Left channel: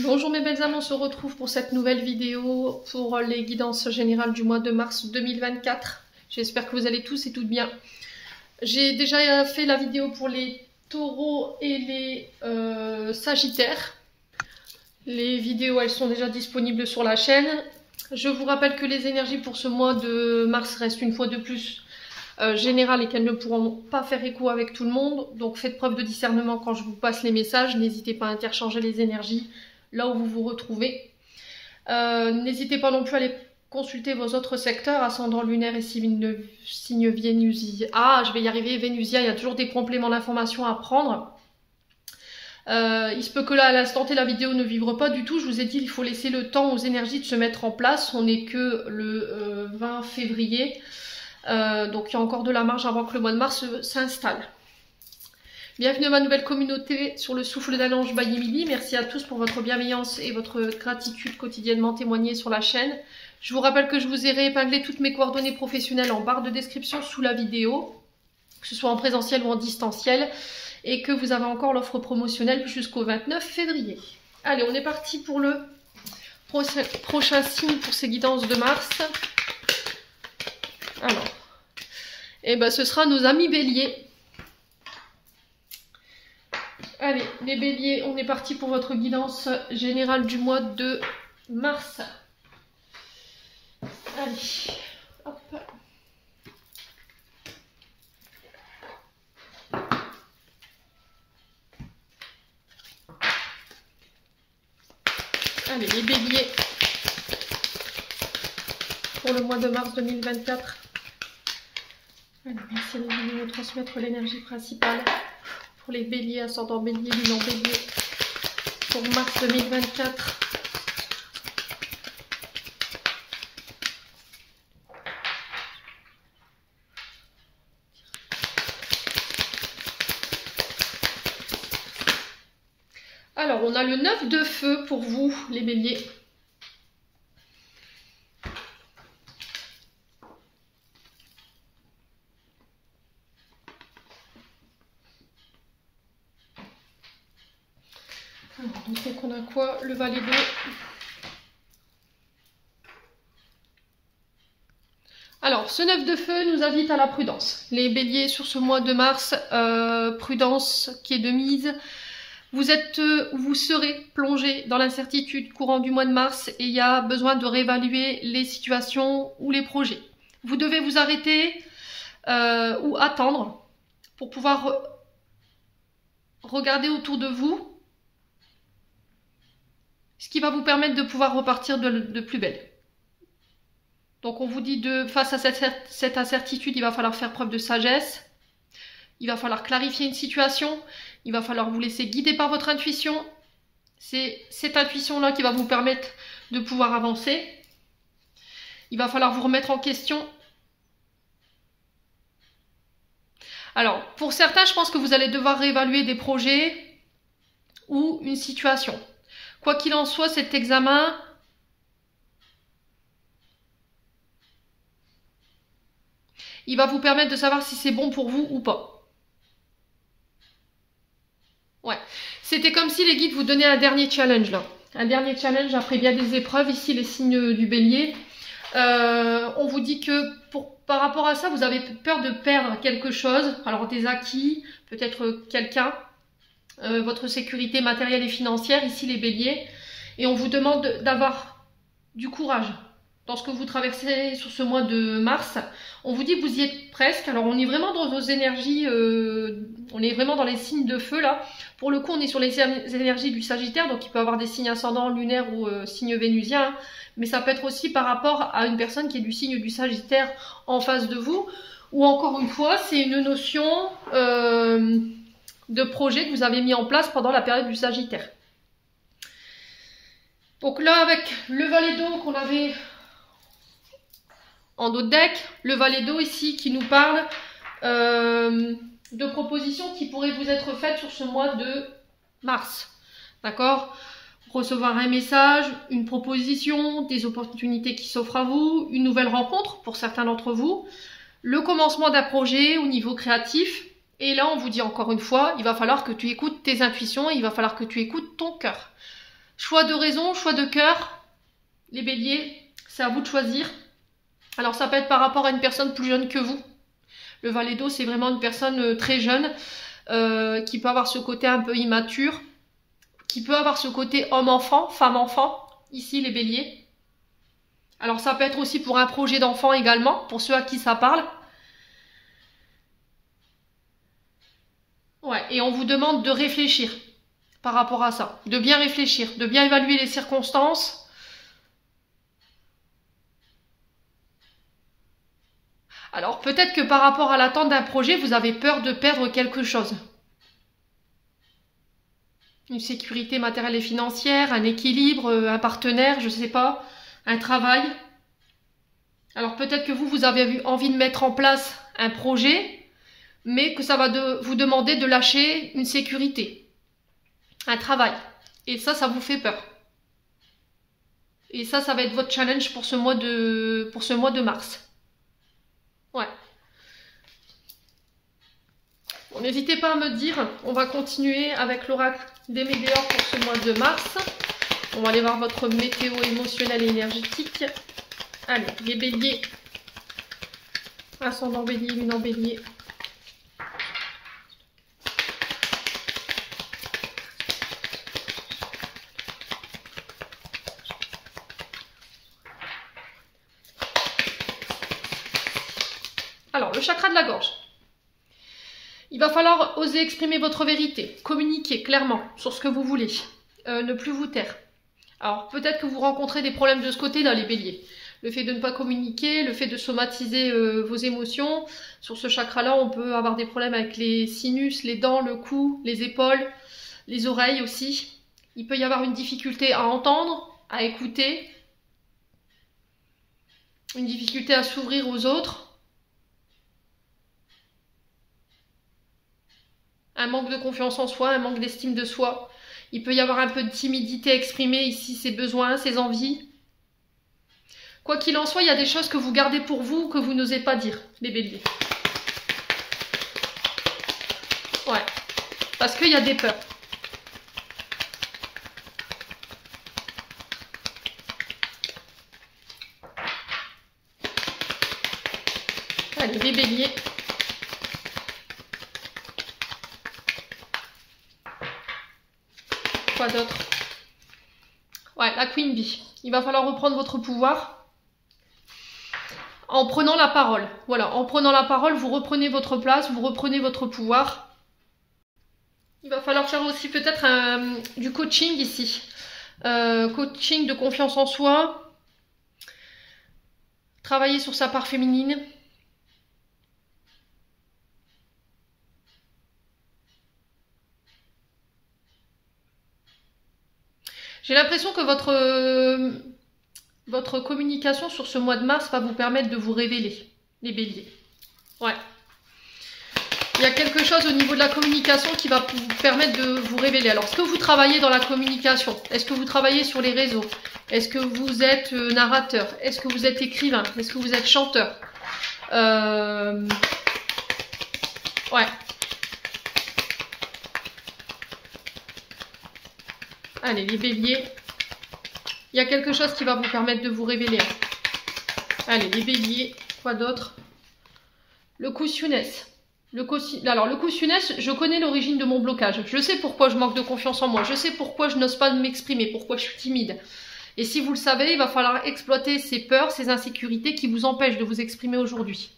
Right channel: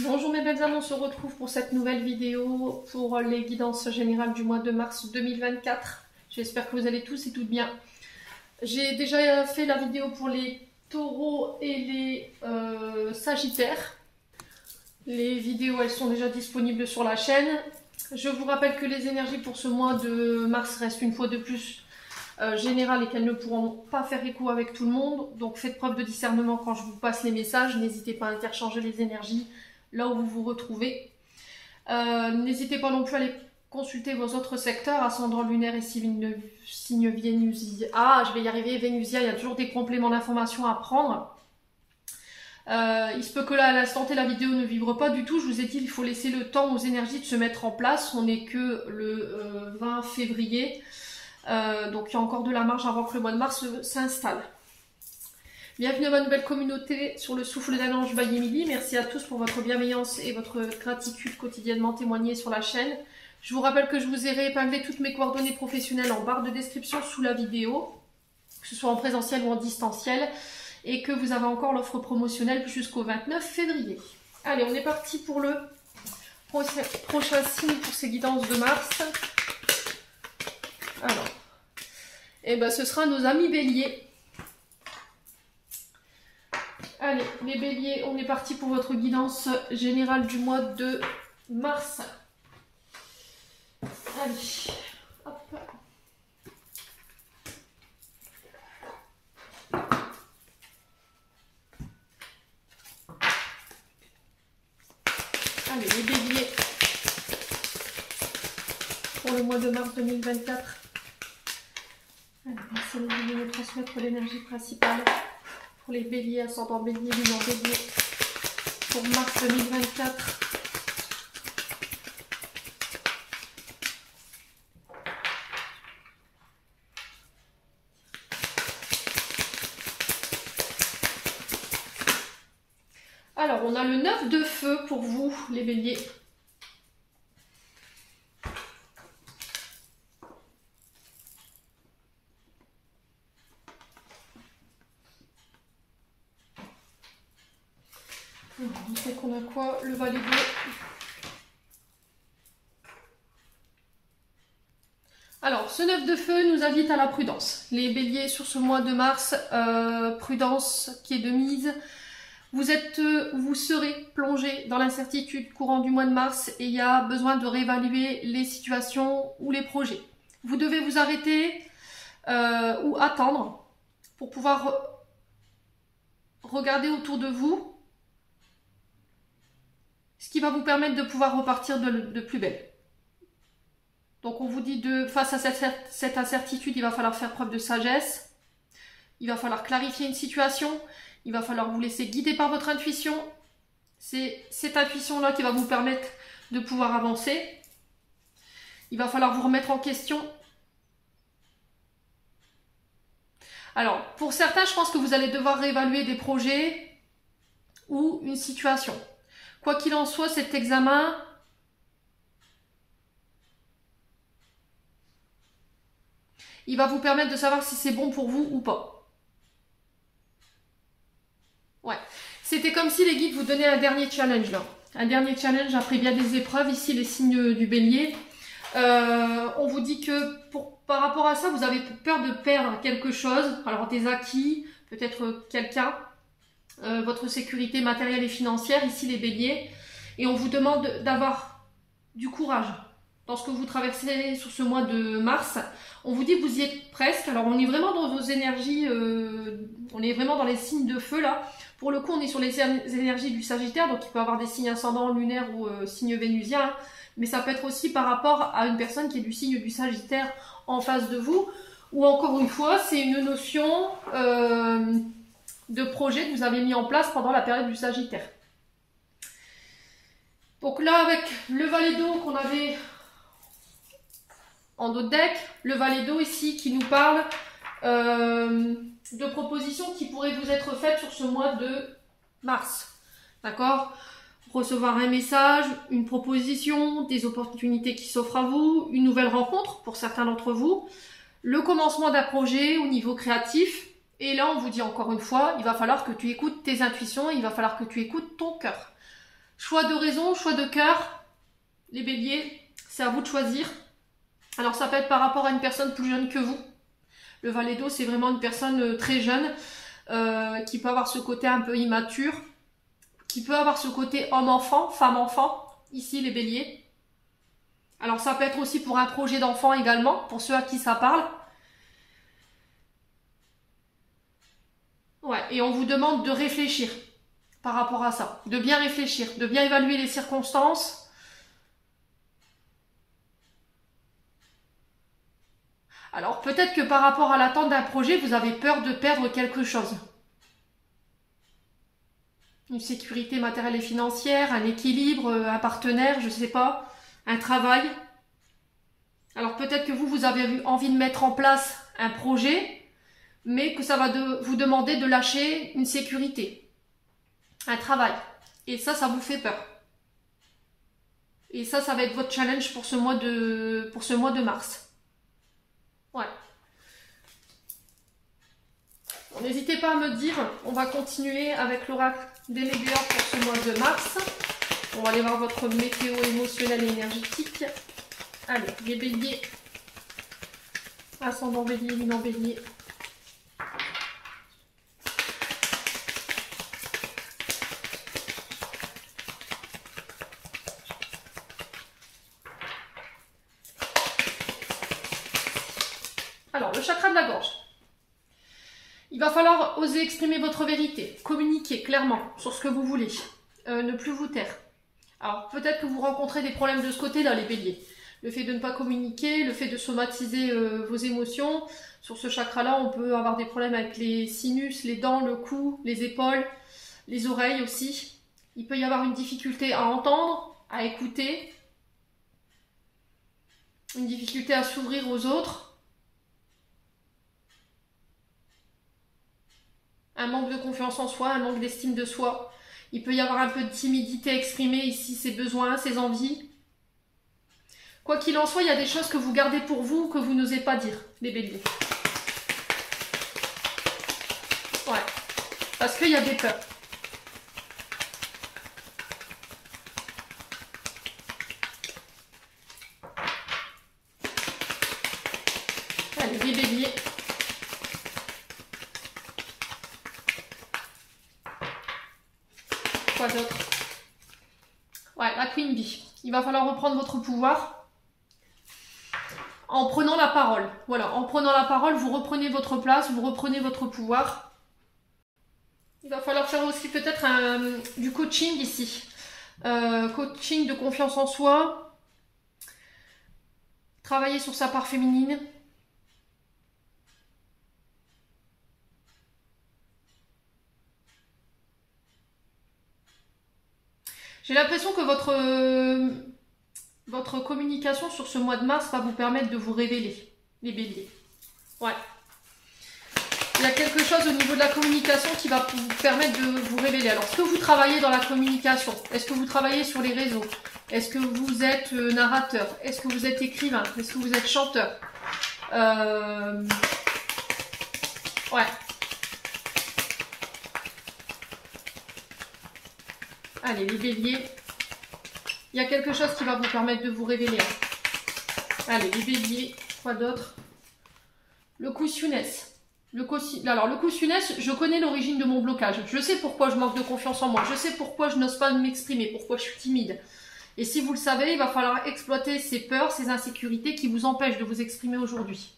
Bonjour mes belles âmes, on se retrouve pour cette nouvelle vidéo pour les guidances générales du mois de mars 2024. J'espère que vous allez tous et toutes bien. J'ai déjà fait la vidéo pour les taureaux et les sagittaires. Les vidéos, elles sont déjà disponibles sur la chaîne. Je vous rappelle que les énergies pour ce mois de mars restent une fois de plus générales et qu'elles ne pourront pas faire écho avec tout le monde. Donc faites preuve de discernement quand je vous passe les messages. N'hésitez pas à interchanger les énergies là où vous vous retrouvez. N'hésitez pas non plus à aller consulter vos autres secteurs, ascendant lunaire et signe vénusien. Ah, je vais y arriver, vénusien, il y a toujours des compléments d'informations à prendre. Il se peut que là, à l'instant T, la vidéo ne vibre pas du tout. Je vous ai dit, il faut laisser le temps aux énergies de se mettre en place. On n'est que le 20 février. Donc il y a encore de la marge avant que le mois de mars s'installe. Bienvenue à ma nouvelle communauté sur le souffle d'un ange by Emily. Merci à tous pour votre bienveillance et votre gratitude quotidiennement témoignée sur la chaîne. Je vous rappelle que je vous ai réépinglé toutes mes coordonnées professionnelles en barre de description sous la vidéo, que ce soit en présentiel ou en distanciel, et que vous avez encore l'offre promotionnelle jusqu'au 29 février. Allez, on est parti pour le prochain signe pour ces guidances de mars. Alors, et ben, ce sera nos amis béliers. Allez, les béliers, on est parti pour votre guidance générale du mois de mars. Allez, hop. Allez, les béliers, pour le mois de mars 2024. Allez, merci de nous transmettre l'énergie principale. Pour les béliers, ascendant bélier, lumière bélier, pour mars 2024. Alors, on a le 9 de feu pour vous, les béliers. Donc on a quoi? Le valet bleu. Alors, ce 9 de feu nous invite à la prudence. Les béliers, sur ce mois de mars, prudence qui est de mise. Vous serez plongé dans l'incertitude courant du mois de mars et il y a besoin de réévaluer les situations ou les projets. Vous devez vous arrêter ou attendre pour pouvoir regarder autour de vous, ce qui va vous permettre de pouvoir repartir de plus belle. Donc on vous dit, face à cette incertitude, il va falloir faire preuve de sagesse, il va falloir clarifier une situation, il va falloir vous laisser guider par votre intuition. C'est cette intuition-là qui va vous permettre de pouvoir avancer. Il va falloir vous remettre en question. Alors, pour certains, je pense que vous allez devoir réévaluer des projets ou une situation. Quoi qu'il en soit, cet examen il va vous permettre de savoir si c'est bon pour vous ou pas. Ouais, c'était comme si les guides vous donnaient un dernier challenge là. Un dernier challenge après bien des épreuves. Ici, les signes du bélier. On vous dit que par rapport à ça, vous avez peur de perdre quelque chose. Alors des acquis, peut-être quelqu'un. Votre sécurité matérielle et financière, ici les béliers, et on vous demande d'avoir du courage dans ce que vous traversez sur ce mois de mars. On vous dit que vous y êtes presque. Alors on est vraiment dans vos énergies, on est vraiment dans les signes de feu là. Pour le coup, on est sur les énergies du Sagittaire, donc il peut avoir des signes ascendants, lunaires ou signes vénusiens, mais ça peut être aussi par rapport à une personne qui est du signe du Sagittaire en face de vous, ou encore une fois, c'est une notion de projet que vous avez mis en place pendant la période du Sagittaire. Donc là, avec le valet d'eau qu'on avait en dos de deck, le valet d'eau ici qui nous parle de propositions qui pourraient vous être faites sur ce mois de mars. D'accord? Recevoir un message, une proposition, des opportunités qui s'offrent à vous, une nouvelle rencontre pour certains d'entre vous, le commencement d'un projet au niveau créatif. Et là, on vous dit encore une fois, il va falloir que tu écoutes tes intuitions, il va falloir que tu écoutes ton cœur. Choix de raison, choix de cœur. Les béliers, c'est à vous de choisir. Alors ça peut être par rapport à une personne plus jeune que vous. Le valet d'eau, c'est vraiment une personne très jeune qui peut avoir ce côté un peu immature, qui peut avoir ce côté homme-enfant, femme-enfant. Ici, les béliers. Alors ça peut être aussi pour un projet d'enfant également, pour ceux à qui ça parle. Ouais, et on vous demande de réfléchir par rapport à ça, de bien réfléchir, de bien évaluer les circonstances. Alors peut-être que par rapport à l'attente d'un projet, vous avez peur de perdre quelque chose. Une sécurité matérielle et financière, un équilibre, un partenaire, je ne sais pas, un travail. Alors peut-être que vous avez envie de mettre en place un projet, mais que ça va vous demander de lâcher une sécurité, un travail. Et ça vous fait peur. Et ça va être votre challenge pour ce mois de mars. Ouais. Bon, n'hésitez pas à me dire, on va continuer avec l'oracle des météores pour ce mois de mars. On va aller voir votre météo émotionnelle et énergétique. Allez, les béliers. Ascendant bélier, lune en bélier. Alors, le chakra de la gorge. Il va falloir oser exprimer votre vérité, communiquer clairement sur ce que vous voulez, ne plus vous taire. Alors, peut-être que vous rencontrez des problèmes de ce côté-là, les béliers. Le fait de ne pas communiquer, le fait de somatiser vos émotions. Sur ce chakra-là, on peut avoir des problèmes avec les sinus, les dents, le cou, les épaules, les oreilles aussi. Il peut y avoir une difficulté à entendre, à écouter, une difficulté à s'ouvrir aux autres. Un manque de confiance en soi, un manque d'estime de soi. Il peut y avoir un peu de timidité à exprimer ici, ses besoins, ses envies. Quoi qu'il en soit, il y a des choses que vous gardez pour vous, que vous n'osez pas dire, les béliers. Ouais, parce qu'il y a des peurs. Allez, les béliers. Quoi d'autre? Ouais, la Queen Bee. Il va falloir reprendre votre pouvoir en prenant la parole. Voilà, en prenant la parole, vous reprenez votre place, vous reprenez votre pouvoir. Il va falloir faire aussi peut-être du coaching ici. Coaching de confiance en soi. Travailler sur sa part féminine. J'ai l'impression que votre communication sur ce mois de mars va vous permettre de vous révéler, les béliers. Ouais. Il y a quelque chose au niveau de la communication qui va vous permettre de vous révéler. Alors, est-ce que vous travaillez dans la communication? Est-ce que vous travaillez sur les réseaux? Est-ce que vous êtes narrateur? Est-ce que vous êtes écrivain? Est-ce que vous êtes chanteur? Ouais. Allez, les béliers. Il y a quelque chose qui va vous permettre de vous révéler. Allez, les béliers. Quoi d'autre? Le Kusunès. Alors, le Kusunès, je connais l'origine de mon blocage. Je sais pourquoi je manque de confiance en moi. Je sais pourquoi je n'ose pas m'exprimer, pourquoi je suis timide. Et si vous le savez, il va falloir exploiter ces peurs, ces insécurités qui vous empêchent de vous exprimer aujourd'hui.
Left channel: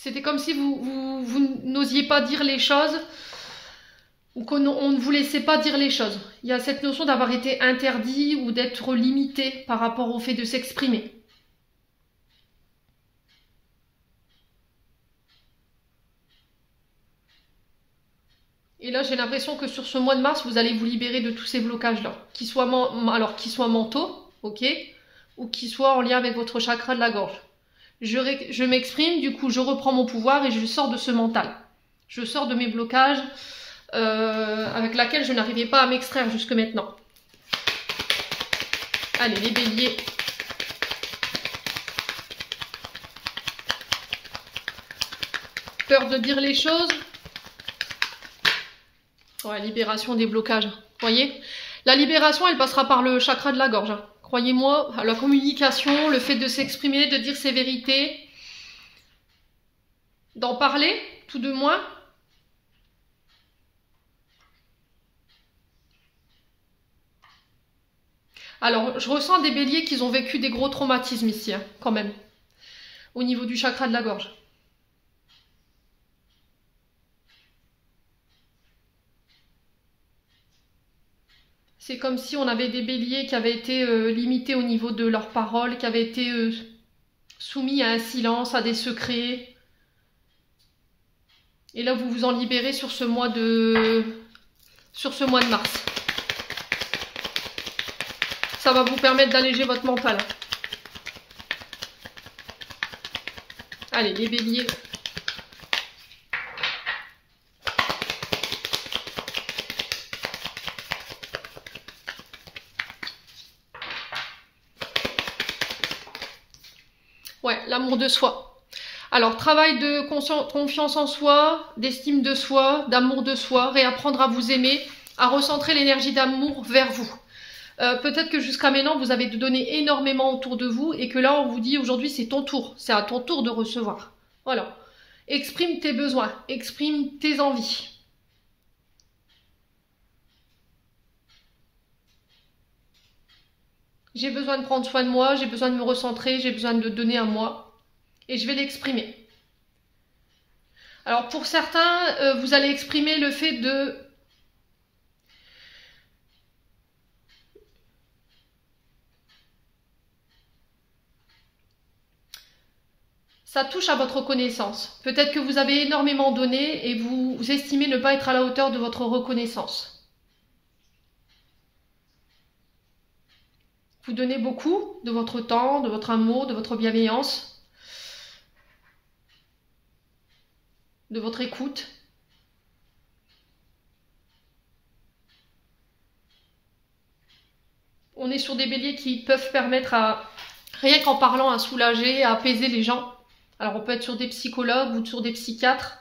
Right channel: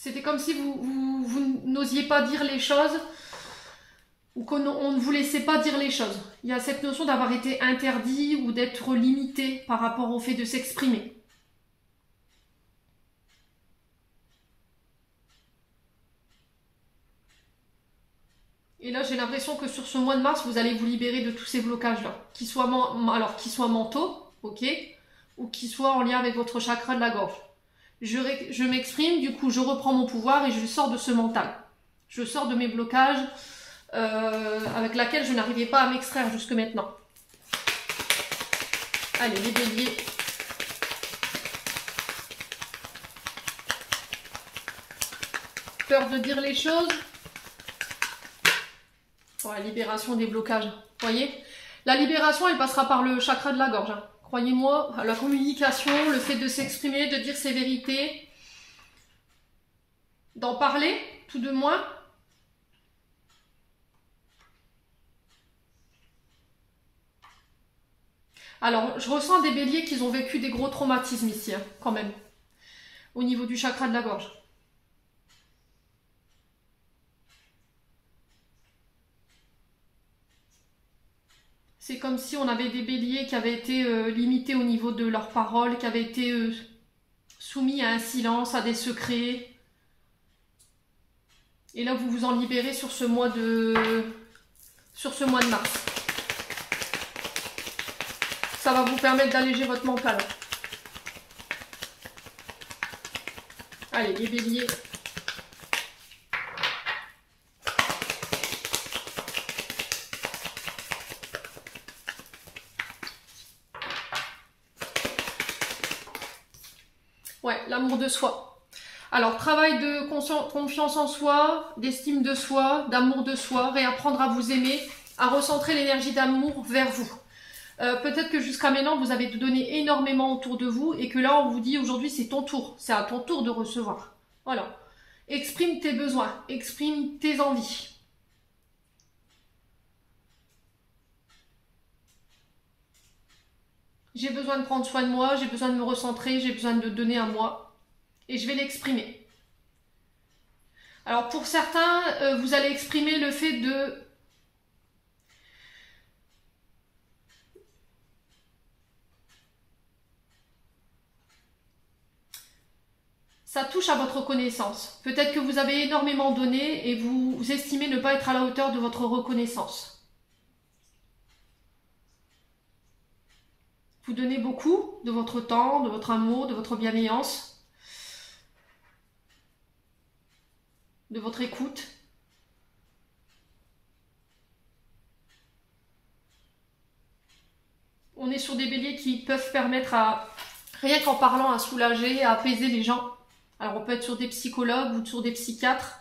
C'était comme si vous n'osiez pas dire les choses ou qu'on ne vous laissait pas dire les choses. Il y a cette notion d'avoir été interdit ou d'être limité par rapport au fait de s'exprimer. Et là, j'ai l'impression que sur ce mois de mars, vous allez vous libérer de tous ces blocages-là. Qu'ils soient mentaux, ok, ou qu'ils soient en lien avec votre chakra de la gorge. Je m'exprime, du coup je reprends mon pouvoir et je sors de ce mental. Je sors de mes blocages avec lesquels je n'arrivais pas à m'extraire jusque maintenant. Allez, les béliers. Peur de dire les choses. Ouais, libération des blocages. Vous voyez? La libération, elle passera par le chakra de la gorge. Hein. Croyez-moi, la communication, le fait de s'exprimer, de dire ses vérités, d'en parler, tout de moins. Alors, je ressens des béliers qui ont vécu des gros traumatismes ici, hein, quand même, au niveau du chakra de la gorge. C'est comme si on avait des béliers qui avaient été limités au niveau de leurs paroles, qui avaient été soumis à un silence, à des secrets. Et là, vous vous en libérez sur ce mois de mars. Ça va vous permettre d'alléger votre mental. Allez, les béliers. Ouais, l'amour de soi. Alors, travail de confiance en soi, d'estime de soi, d'amour de soi, réapprendre à vous aimer, à recentrer l'énergie d'amour vers vous. Peut-être que jusqu'à maintenant, vous avez donné énormément autour de vous et que là, on vous dit aujourd'hui, c'est ton tour. C'est à ton tour de recevoir. Voilà. Exprime tes besoins, exprime tes envies. J'ai besoin de prendre soin de moi, j'ai besoin de me recentrer, j'ai besoin de donner à moi. Et je vais l'exprimer. Alors pour certains, vous allez exprimer le fait de... Ça touche à votre reconnaissance. Peut-être que vous avez énormément donné et vous estimez ne pas être à la hauteur de votre reconnaissance. Vous donnez beaucoup de votre temps, de votre amour, de votre bienveillance, de votre écoute. On est sur des béliers qui peuvent permettre à, rien qu'en parlant, à soulager, à apaiser les gens. Alors on peut être sur des psychologues ou sur des psychiatres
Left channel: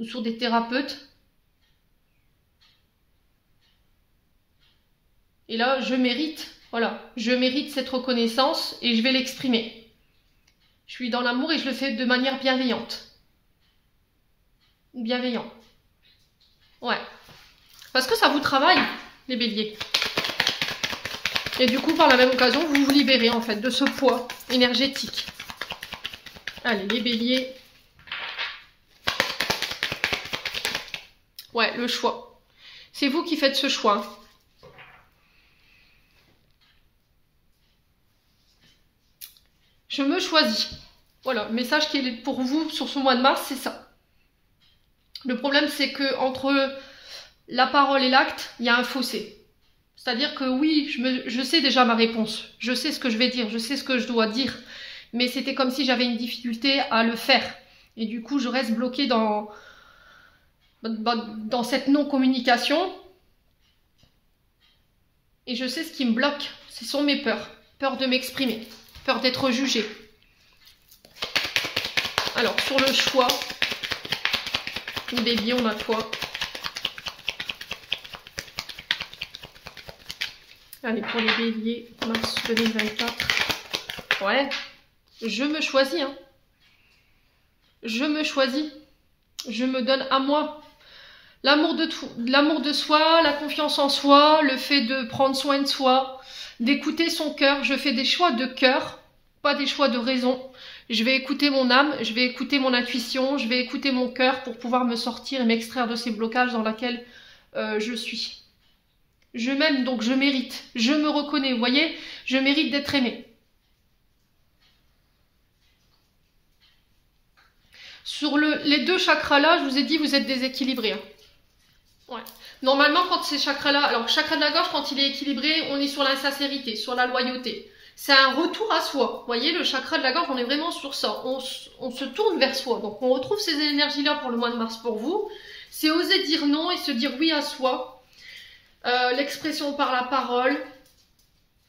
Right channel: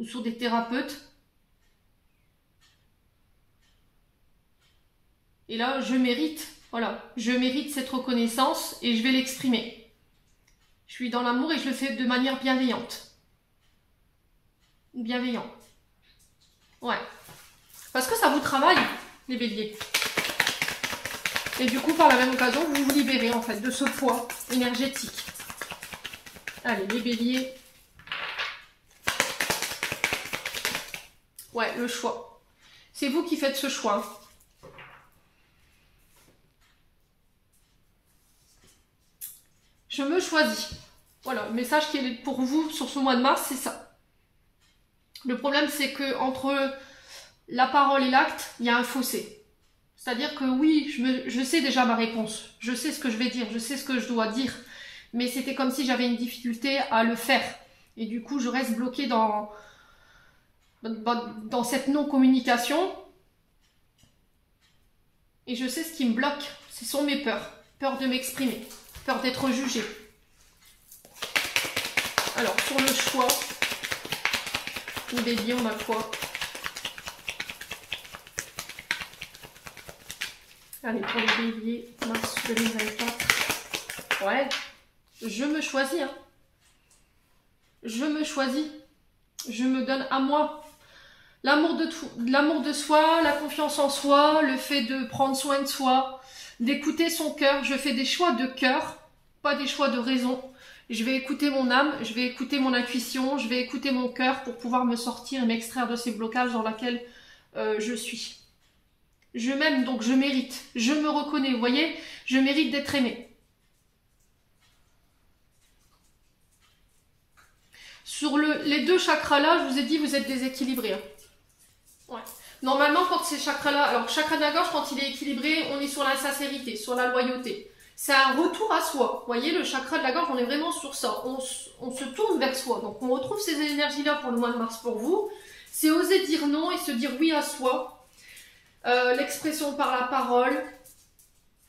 ou sur des thérapeutes. Et là, je mérite, voilà, je mérite cette reconnaissance et je vais l'exprimer. Je suis dans l'amour et je le fais de manière bienveillante. Bienveillant. Ouais. Parce que ça vous travaille, les béliers. Et du coup, par la même occasion, vous vous libérez en fait de ce poids énergétique. Allez, les béliers. Ouais, le choix. C'est vous qui faites ce choix. Je me choisis. Voilà, le message qui est pour vous sur ce mois de mars, c'est ça. Le problème, c'est que entre la parole et l'acte, il y a un fossé. C'est-à-dire que oui, je sais déjà ma réponse. Je sais ce que je vais dire, je sais ce que je dois dire. Mais c'était comme si j'avais une difficulté à le faire. Et du coup, je reste bloquée dans cette non-communication. Et je sais ce qui me bloque. Ce sont mes peurs. Peur de m'exprimer. Peur d'être jugée. Alors, sur le choix, les béliers, on a quoi? Allez, pour les béliers, mars 2024. Ouais. Je me choisis, hein. Je me choisis. Je me donne à moi. L'amour de soi, la confiance en soi, le fait de prendre soin de soi, d'écouter son cœur. Je fais des choix de cœur, pas des choix de raison. Je vais écouter mon âme, je vais écouter mon intuition, je vais écouter mon cœur pour pouvoir me sortir et m'extraire de ces blocages dans lesquels je suis. Je m'aime, donc je mérite. Je me reconnais, vous voyez, je mérite d'être aimée. Sur les deux chakras-là, je vous ai dit, vous êtes déséquilibrés. Hein. Ouais. Normalement, quand ces chakras-là, alors chakra de la gorge, quand il est équilibré, on est sur la sincérité, sur la loyauté. C'est un retour à soi. Vous voyez, le chakra de la gorge, on est vraiment sur ça. On se tourne vers soi. Donc, on retrouve ces énergies-là pour le mois de mars pour vous. C'est oser dire non et se dire oui à soi. L'expression par la parole,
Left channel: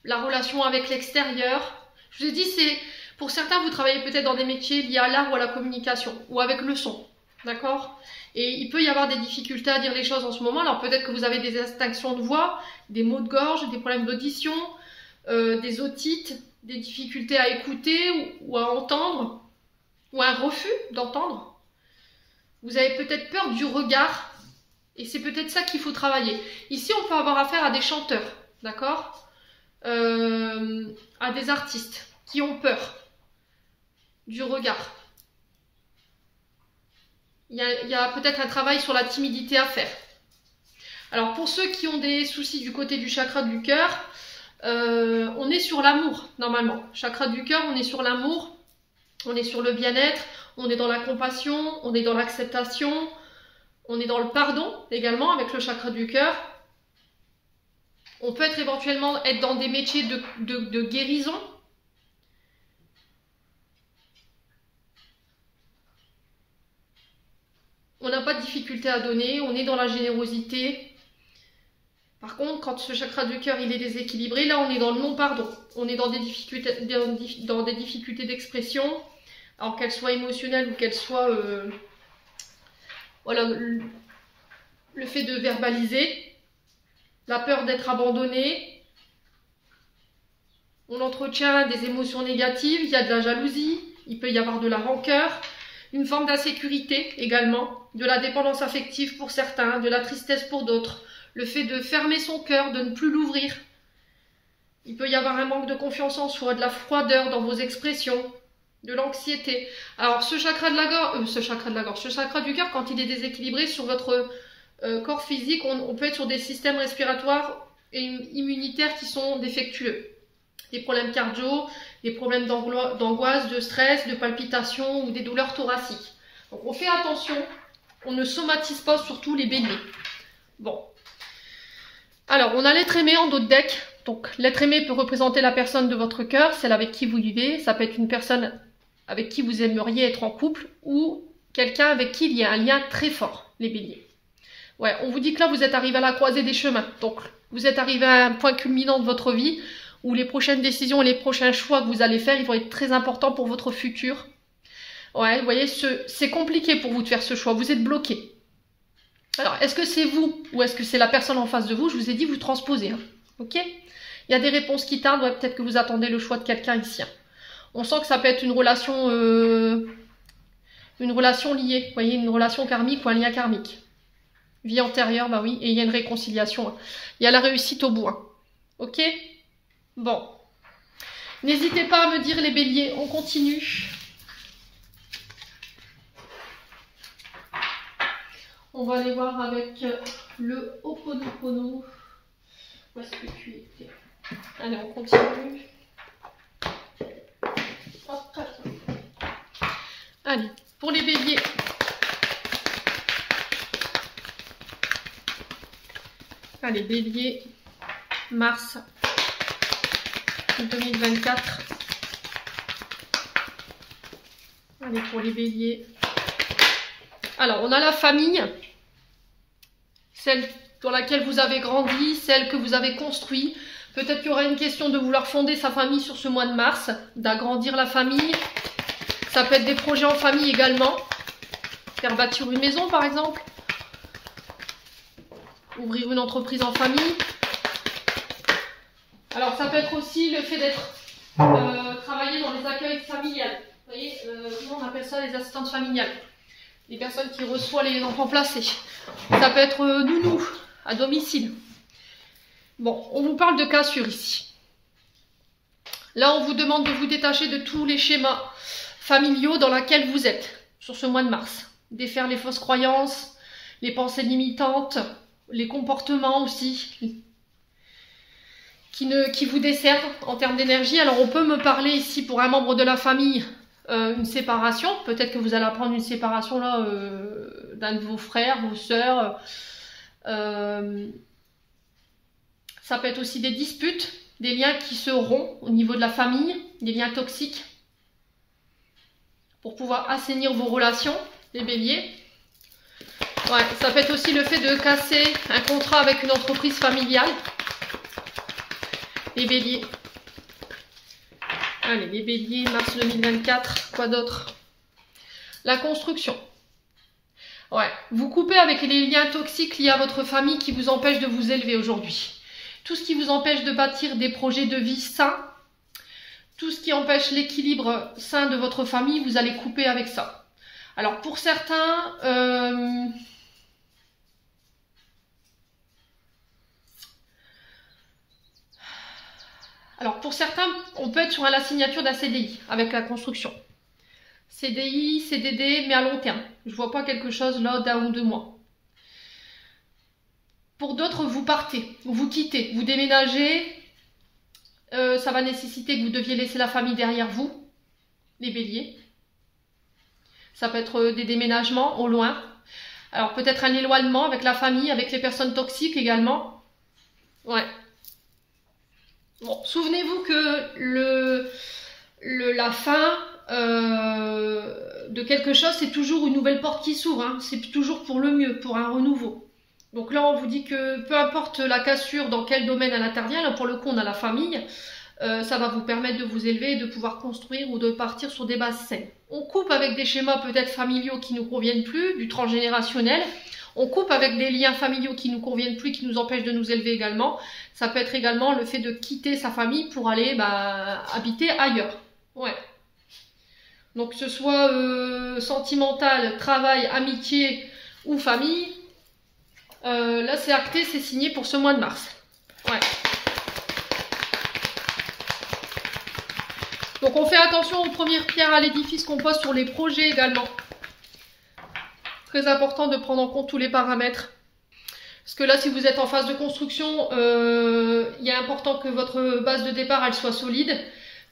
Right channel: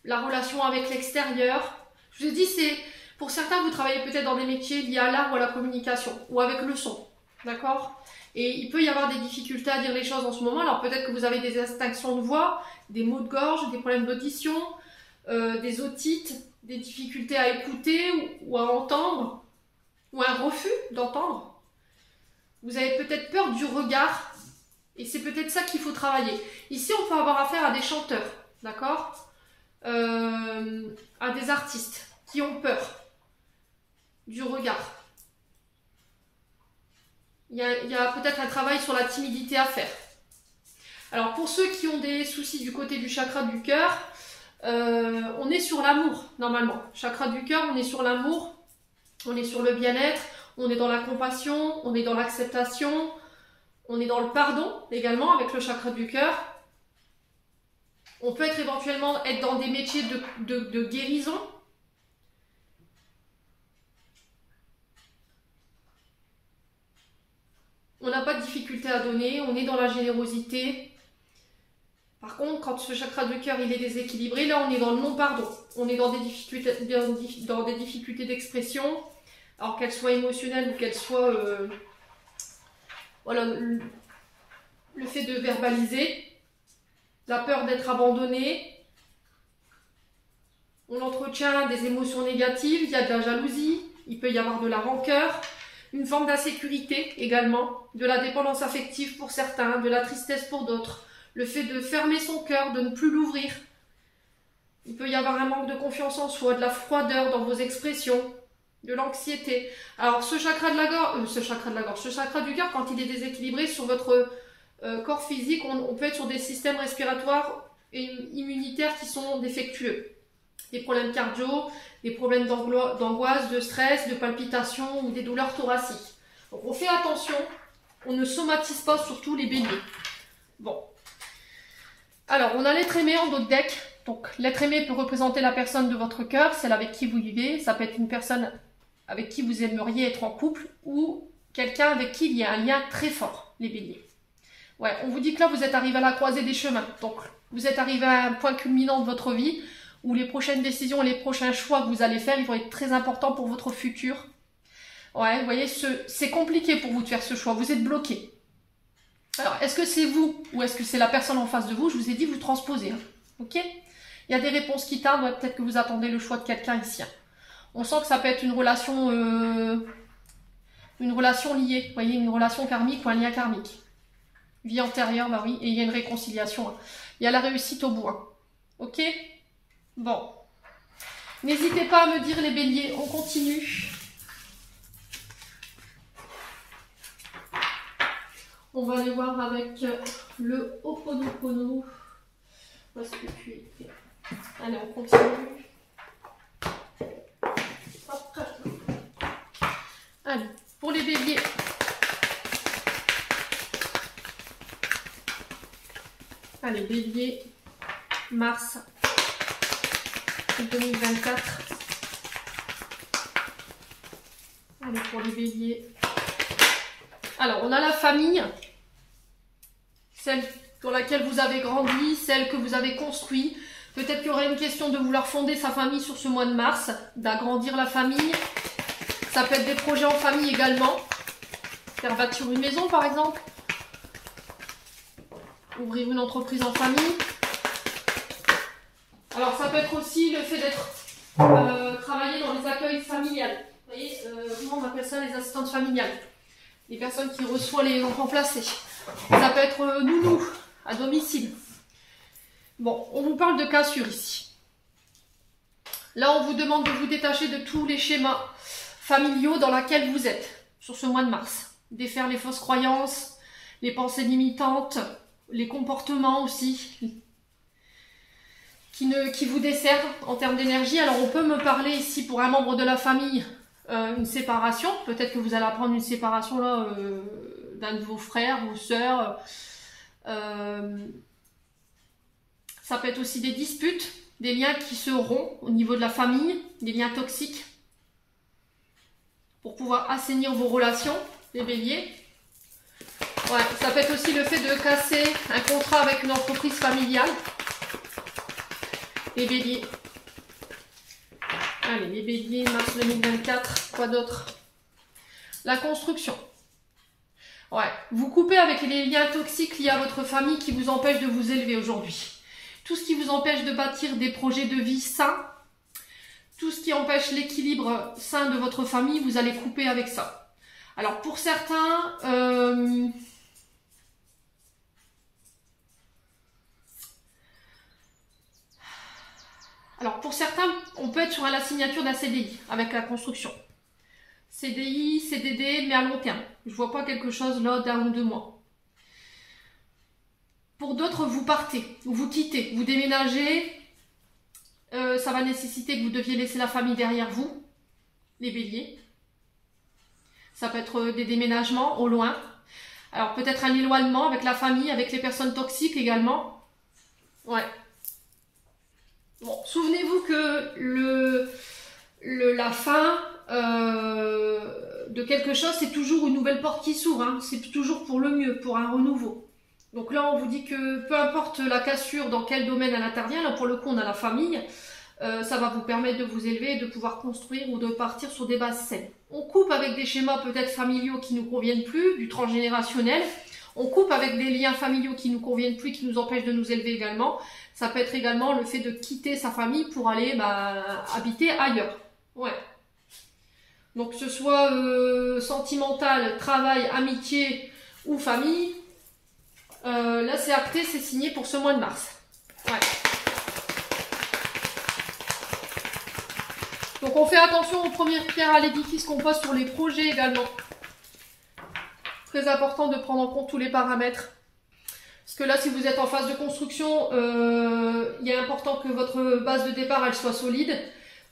la relation avec l'extérieur. Je vous ai dit, c'est pour certains, vous travaillez peut-être dans des métiers liés à l'art ou à la communication, ou avec le son. D'accord? Et il peut y avoir des difficultés à dire les choses en ce moment. Alors peut-être que vous avez des extinctions de voix, des maux de gorge, des problèmes d'audition, des otites, des difficultés à écouter ou à entendre, ou un refus d'entendre. Vous avez peut-être peur du regard, et c'est peut-être ça qu'il faut travailler. Ici, on peut avoir affaire à des chanteurs, d'accord? À des artistes qui ont peur du regard. Il y a peut-être un travail sur la timidité à faire. Alors pour ceux qui ont des soucis du côté du chakra du cœur, on est sur l'amour normalement. Chakra du cœur, on est sur l'amour, on est sur le bien-être, on est dans la compassion, on est dans l'acceptation, on est dans le pardon également avec le chakra du cœur. On peut éventuellement dans des métiers de guérison. On n'a pas de difficulté à donner, on est dans la générosité. Par contre, quand ce chakra du cœur il est déséquilibré, là on est dans le non-pardon. On est dans des difficultés d'expression, alors qu'elles soient émotionnelles ou qu'elles soient... voilà, le fait de verbaliser, la peur d'être abandonné, on entretient des émotions négatives, il y a de la jalousie, il peut y avoir de la rancœur, une forme d'insécurité également, de la dépendance affective pour certains, de la tristesse pour d'autres, le fait de fermer son cœur, de ne plus l'ouvrir. Il peut y avoir un manque de confiance en soi, de la froideur dans vos expressions, de l'anxiété. Alors ce chakra de la gorge, ce chakra du cœur, quand il est déséquilibré sur votre corps physique, on peut être sur des systèmes respiratoires et immunitaires qui sont défectueux. Des problèmes cardio, des problèmes d'angoisse, de stress, de palpitations ou des douleurs thoraciques. Donc on fait attention, on ne somatise pas surtout les béliers. Bon. Alors on a l'être aimé en dos de deck. Donc l'être aimé peut représenter la personne de votre cœur, celle avec qui vous vivez. Ça peut être une personne avec qui vous aimeriez être en couple ou quelqu'un avec qui il y a un lien très fort, les béliers. Ouais, on vous dit que là vous êtes arrivé à la croisée des chemins. Donc vous êtes arrivé à un point culminant de votre vie où les prochaines décisions et les prochains choix que vous allez faire, ils vont être très importants pour votre futur. Ouais, vous voyez, c'est compliqué pour vous de faire ce choix, vous êtes bloqué. Alors, est-ce que c'est vous ou est-ce que c'est la personne en face de vous? Je vous ai dit, vous transposez, hein. Ok? Il y a des réponses qui tardent, ouais, peut-être que vous attendez le choix de quelqu'un ici. Hein. On sent que ça peut être une relation liée, vous voyez, une relation karmique ou un lien karmique. Vie antérieure, bah oui, et il y a une réconciliation. Hein. Il y a la réussite au bout. Hein. Ok? Bon, n'hésitez pas à me dire les béliers, on continue. On va aller voir avec le Ho'oponopono. Où est-ce que tu étais? Allez, on continue. Hop. Allez, pour les béliers. Allez, bélier, mars 2024. Allez, pour les béliers. Alors, on a la famille, celle dans laquelle vous avez grandi, celle que vous avez construite. Peut-être qu'il y aura une question de vouloir fonder sa famille sur ce mois de mars, d'agrandir la famille. Ça peut être des projets en famille également. Faire bâtir une maison, par exemple. Ouvrir une entreprise en famille. Alors, ça peut être aussi le fait d'être travailler dans les accueils familiales. Vous voyez, comment on appelle ça, les assistantes familiales. Les personnes qui reçoivent les enfants placés. Ça peut être nounou, à domicile. Bon, on vous parle de cassure ici. Là, on vous demande de vous détacher de tous les schémas familiaux dans lesquels vous êtes sur ce mois de mars. Défaire les fausses croyances, les pensées limitantes, les comportements aussi qui vous desservent en termes d'énergie. Alors, on peut me parler ici pour un membre de la famille, une séparation. Peut-être que vous allez apprendre une séparation là d'un de vos frères, vos sœurs. Ça peut être aussi des disputes, des liens qui se rompent au niveau de la famille, des liens toxiques. Pour pouvoir assainir vos relations, les béliers. Ouais, ça peut être aussi le fait de casser un contrat avec une entreprise familiale. Les béliers. Allez, les béliers, mars 2024. Quoi d'autre? La construction. Ouais, vous coupez avec les liens toxiques liés à votre famille qui vous empêchent de vous élever aujourd'hui. Tout ce qui vous empêche de bâtir des projets de vie sains, tout ce qui empêche l'équilibre sain de votre famille, vous allez couper avec ça. Alors pour certains, on peut être sur la signature d'un CDI avec la construction. CDI, CDD, mais à long terme. Je ne vois pas quelque chose là d'un ou 2 mois. Pour d'autres, vous partez, vous quittez, vous déménagez. Ça va nécessiter que vous deviez laisser la famille derrière vous, les béliers. Ça peut être des déménagements au loin. Alors peut-être un éloignement avec la famille, avec les personnes toxiques également. Ouais. Bon, souvenez-vous que la fin de quelque chose, c'est toujours une nouvelle porte qui s'ouvre. Hein. C'est toujours pour le mieux, pour un renouveau. Donc là, on vous dit que peu importe la cassure, dans quel domaine elle intervient, là pour le coup, on a la famille, ça va vous permettre de vous élever, de pouvoir construire ou de partir sur des bases saines. On coupe avec des schémas peut-être familiaux qui ne nous conviennent plus, du transgénérationnel. On coupe avec des liens familiaux qui ne nous conviennent plus, qui nous empêchent de nous élever également. Ça peut être également le fait de quitter sa famille pour aller habiter ailleurs. Ouais. Donc que ce soit sentimental, travail, amitié ou famille, là c'est acté, c'est signé pour ce mois de mars. Ouais. Donc on fait attention aux premières pierres à l'édifice qu'on pose sur les projets également. Très important de prendre en compte tous les paramètres. Parce que là, si vous êtes en phase de construction, il est important que votre base de départ elle soit solide.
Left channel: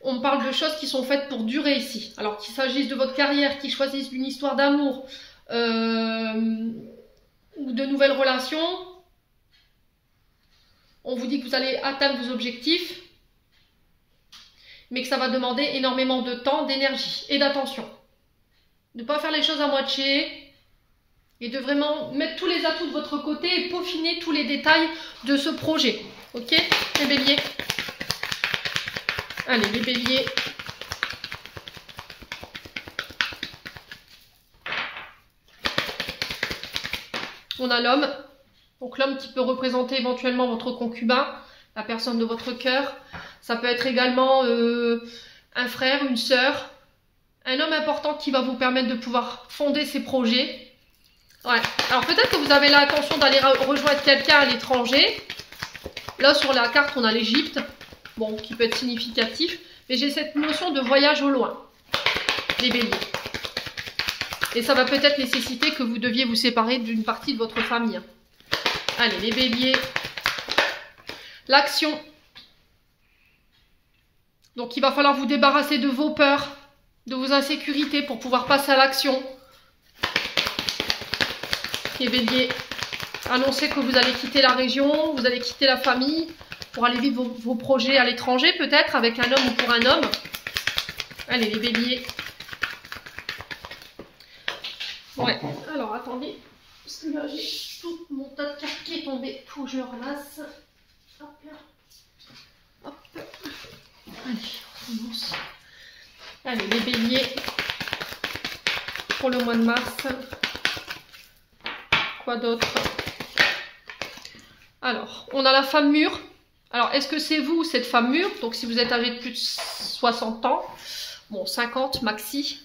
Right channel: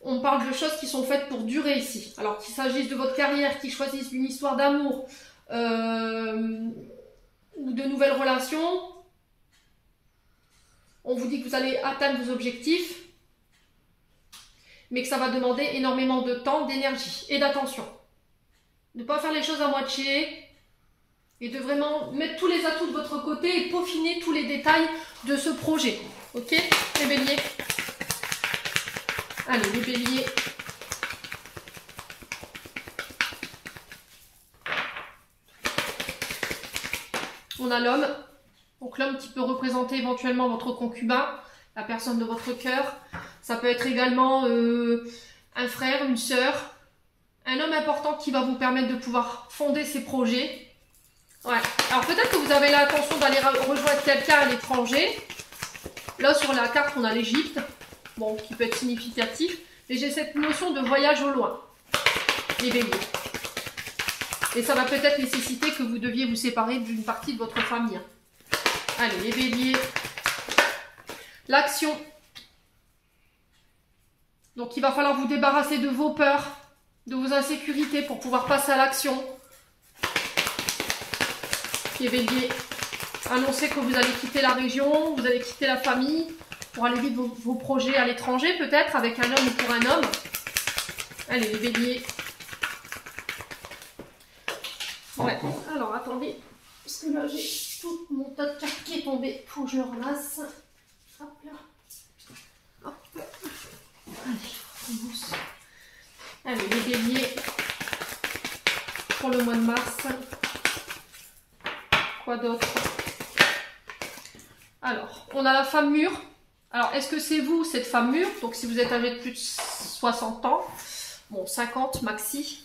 On parle de choses qui sont faites pour durer ici. Alors qu'il s'agisse de votre carrière, qu'il choisisse une histoire d'amour ou de nouvelles relations, on vous dit que vous allez atteindre vos objectifs, mais que ça va demander énormément de temps, d'énergie et d'attention. Ne pas faire les choses à moitié et de vraiment mettre tous les atouts de votre côté et peaufiner tous les détails de ce projet. Ok, les béliers? Allez, les béliers. On a l'homme. Donc l'homme qui peut représenter éventuellement votre concubin, la personne de votre cœur. Ça peut être également un frère, une sœur. Un homme important qui va vous permettre de pouvoir fonder ses projets. Ouais. Alors peut-être que vous avez l'intention d'aller rejoindre quelqu'un à l'étranger. Là sur la carte on a l'Égypte, bon, qui peut être significatif. Mais j'ai cette notion de voyage au loin, les béliers. Et ça va peut-être nécessiter que vous deviez vous séparer d'une partie de votre famille. Allez, les béliers. L'action. Donc il va falloir vous débarrasser de vos peurs, de vos insécurités pour pouvoir passer à l'action. Les béliers. Annoncez que vous allez quitter la région, vous allez quitter la famille pour aller vivre vos projets à l'étranger peut-être avec un homme ou pour un homme. Allez, les béliers. Ouais. Alors attendez, parce que là j'ai tout mon tas de cartes qui est tombé. Faut que je le ramasse. Hop là. Hop là. Allez, on commence. Allez, les béliers. Pour le mois de mars. Quoi d'autre? Alors, on a la femme mûre. Alors, est-ce que c'est vous, cette femme mûre? Donc, si vous êtes âgé de plus de 60 ans, bon, 50 maxi.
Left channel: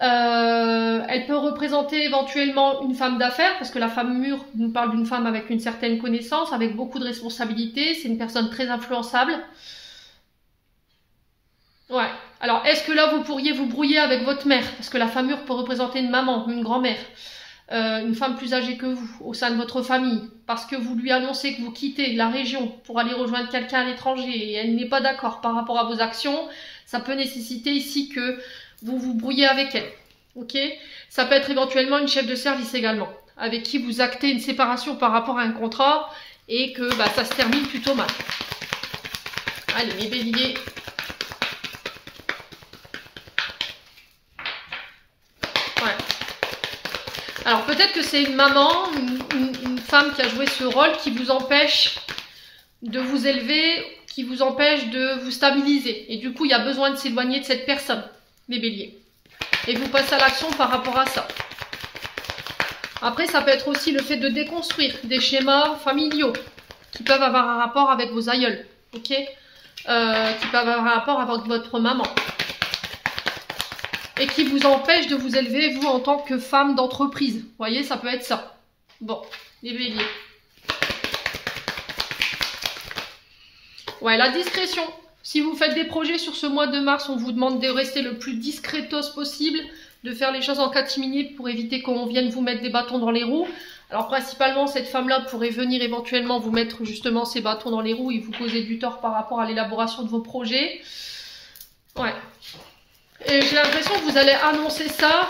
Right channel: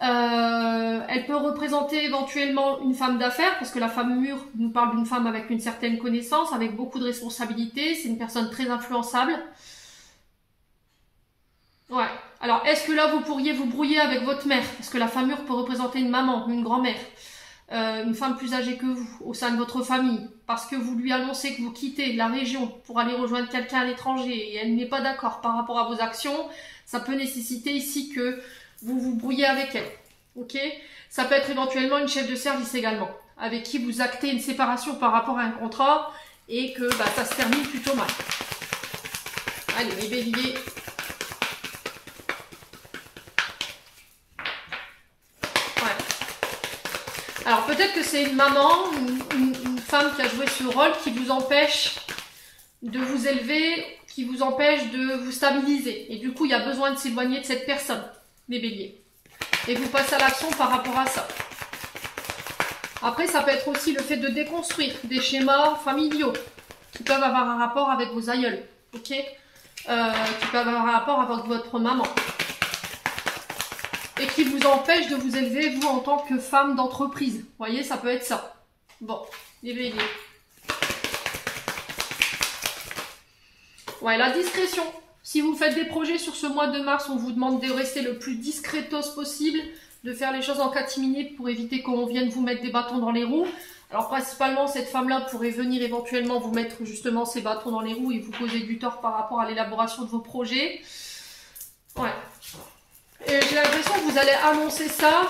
Elle peut représenter éventuellement une femme d'affaires, parce que la femme mûre nous parle d'une femme avec une certaine connaissance, avec beaucoup de responsabilités. C'est une personne très influençable. Ouais. Alors, est-ce que là, vous pourriez vous brouiller avec votre mère? Parce que la femme mûre peut représenter une maman, une grand-mère. Une femme plus âgée que vous, au sein de votre famille, parce que vous lui annoncez que vous quittez la région pour aller rejoindre quelqu'un à l'étranger et elle n'est pas d'accord par rapport à vos actions, ça peut nécessiter ici que vous vous brouillez avec elle. Ok? Ça peut être éventuellement une chef de service également, avec qui vous actez une séparation par rapport à un contrat et que ça se termine plutôt mal. Allez, les béliers. Alors peut-être que c'est une maman, une femme qui a joué ce rôle qui vous empêche de vous élever, qui vous empêche de vous stabiliser. Et du coup, il y a besoin de s'éloigner de cette personne, les béliers. Et vous passez à l'action par rapport à ça. Après, ça peut être aussi le fait de déconstruire des schémas familiaux qui peuvent avoir un rapport avec vos aïeuls, ok, qui peuvent avoir un rapport avec votre maman et qui vous empêchent de vous élever, vous, en tant que femme d'entreprise. Vous voyez, ça peut être ça. Bon, les béliers. Ouais, la discrétion. Si vous faites des projets sur ce mois de mars, on vous demande de rester le plus discretos possible, de faire les choses en catimini pour éviter qu'on vienne vous mettre des bâtons dans les roues. Alors principalement, cette femme-là pourrait venir éventuellement vous mettre justement ces bâtons dans les roues et vous causer du tort par rapport à l'élaboration de vos projets. Ouais. Et j'ai l'impression que vous allez annoncer ça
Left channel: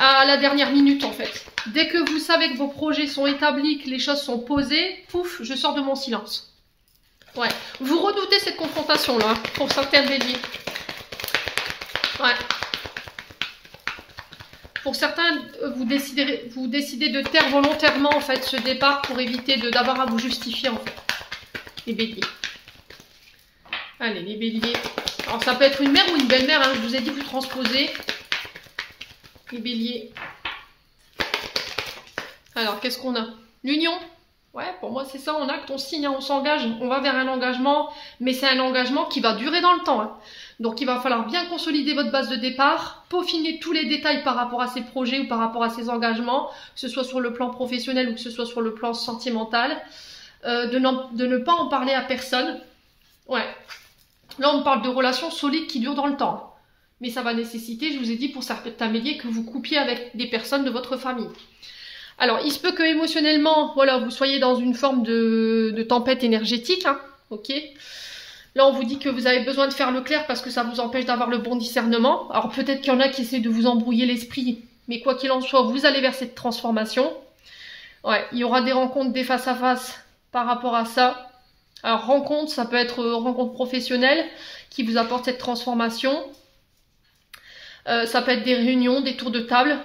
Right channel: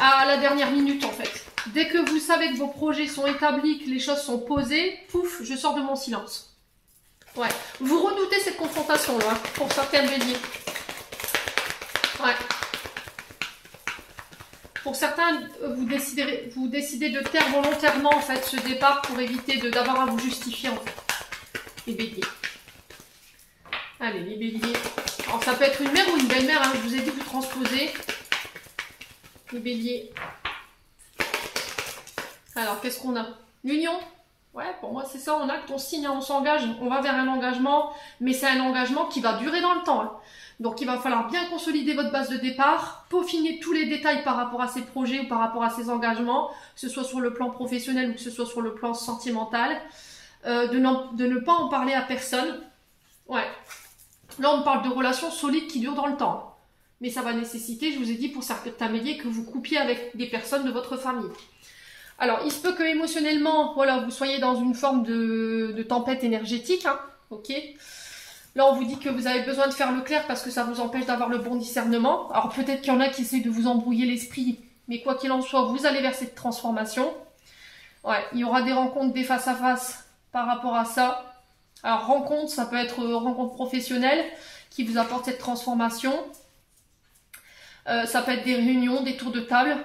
à la dernière minute en fait. Dès que vous savez que vos projets sont établis, que les choses sont posées, pouf, je sors de mon silence. Ouais, vous redoutez cette confrontation-là, hein, pour certains béliers. Ouais. Pour certains, vous décidez de taire volontairement en fait ce départ pour éviter d'avoir à vous justifier en fait. Les béliers. Allez, les béliers. Alors ça peut être une mère ou une belle-mère, hein, je vous ai dit que vous transposez. Les béliers. Alors, qu'est-ce qu'on a? L'union. Ouais, pour moi, c'est ça, on acte, on signe, on s'engage, on va vers un engagement, mais c'est un engagement qui va durer dans le temps. Hein. Donc, il va falloir bien consolider votre base de départ, peaufiner tous les détails par rapport à ces projets ou par rapport à ces engagements, que ce soit sur le plan professionnel ou que ce soit sur le plan sentimental, de ne pas en parler à personne. Ouais. Là, on parle de relations solides qui durent dans le temps. Mais ça va nécessiter, je vous ai dit, pour certains béliers, que vous coupiez avec des personnes de votre famille. Alors, il se peut que émotionnellement, voilà, vous soyez dans une forme de tempête énergétique, hein, ok. Là, on vous dit que vous avez besoin de faire le clair parce que ça vous empêche d'avoir le bon discernement. Alors, peut-être qu'il y en a qui essaient de vous embrouiller l'esprit, mais quoi qu'il en soit, vous allez vers cette transformation. Ouais, il y aura des rencontres, des face-à-face par rapport à ça. Alors, rencontre, ça peut être rencontre professionnelle qui vous apporte cette transformation. Ça peut être des réunions, des tours de table.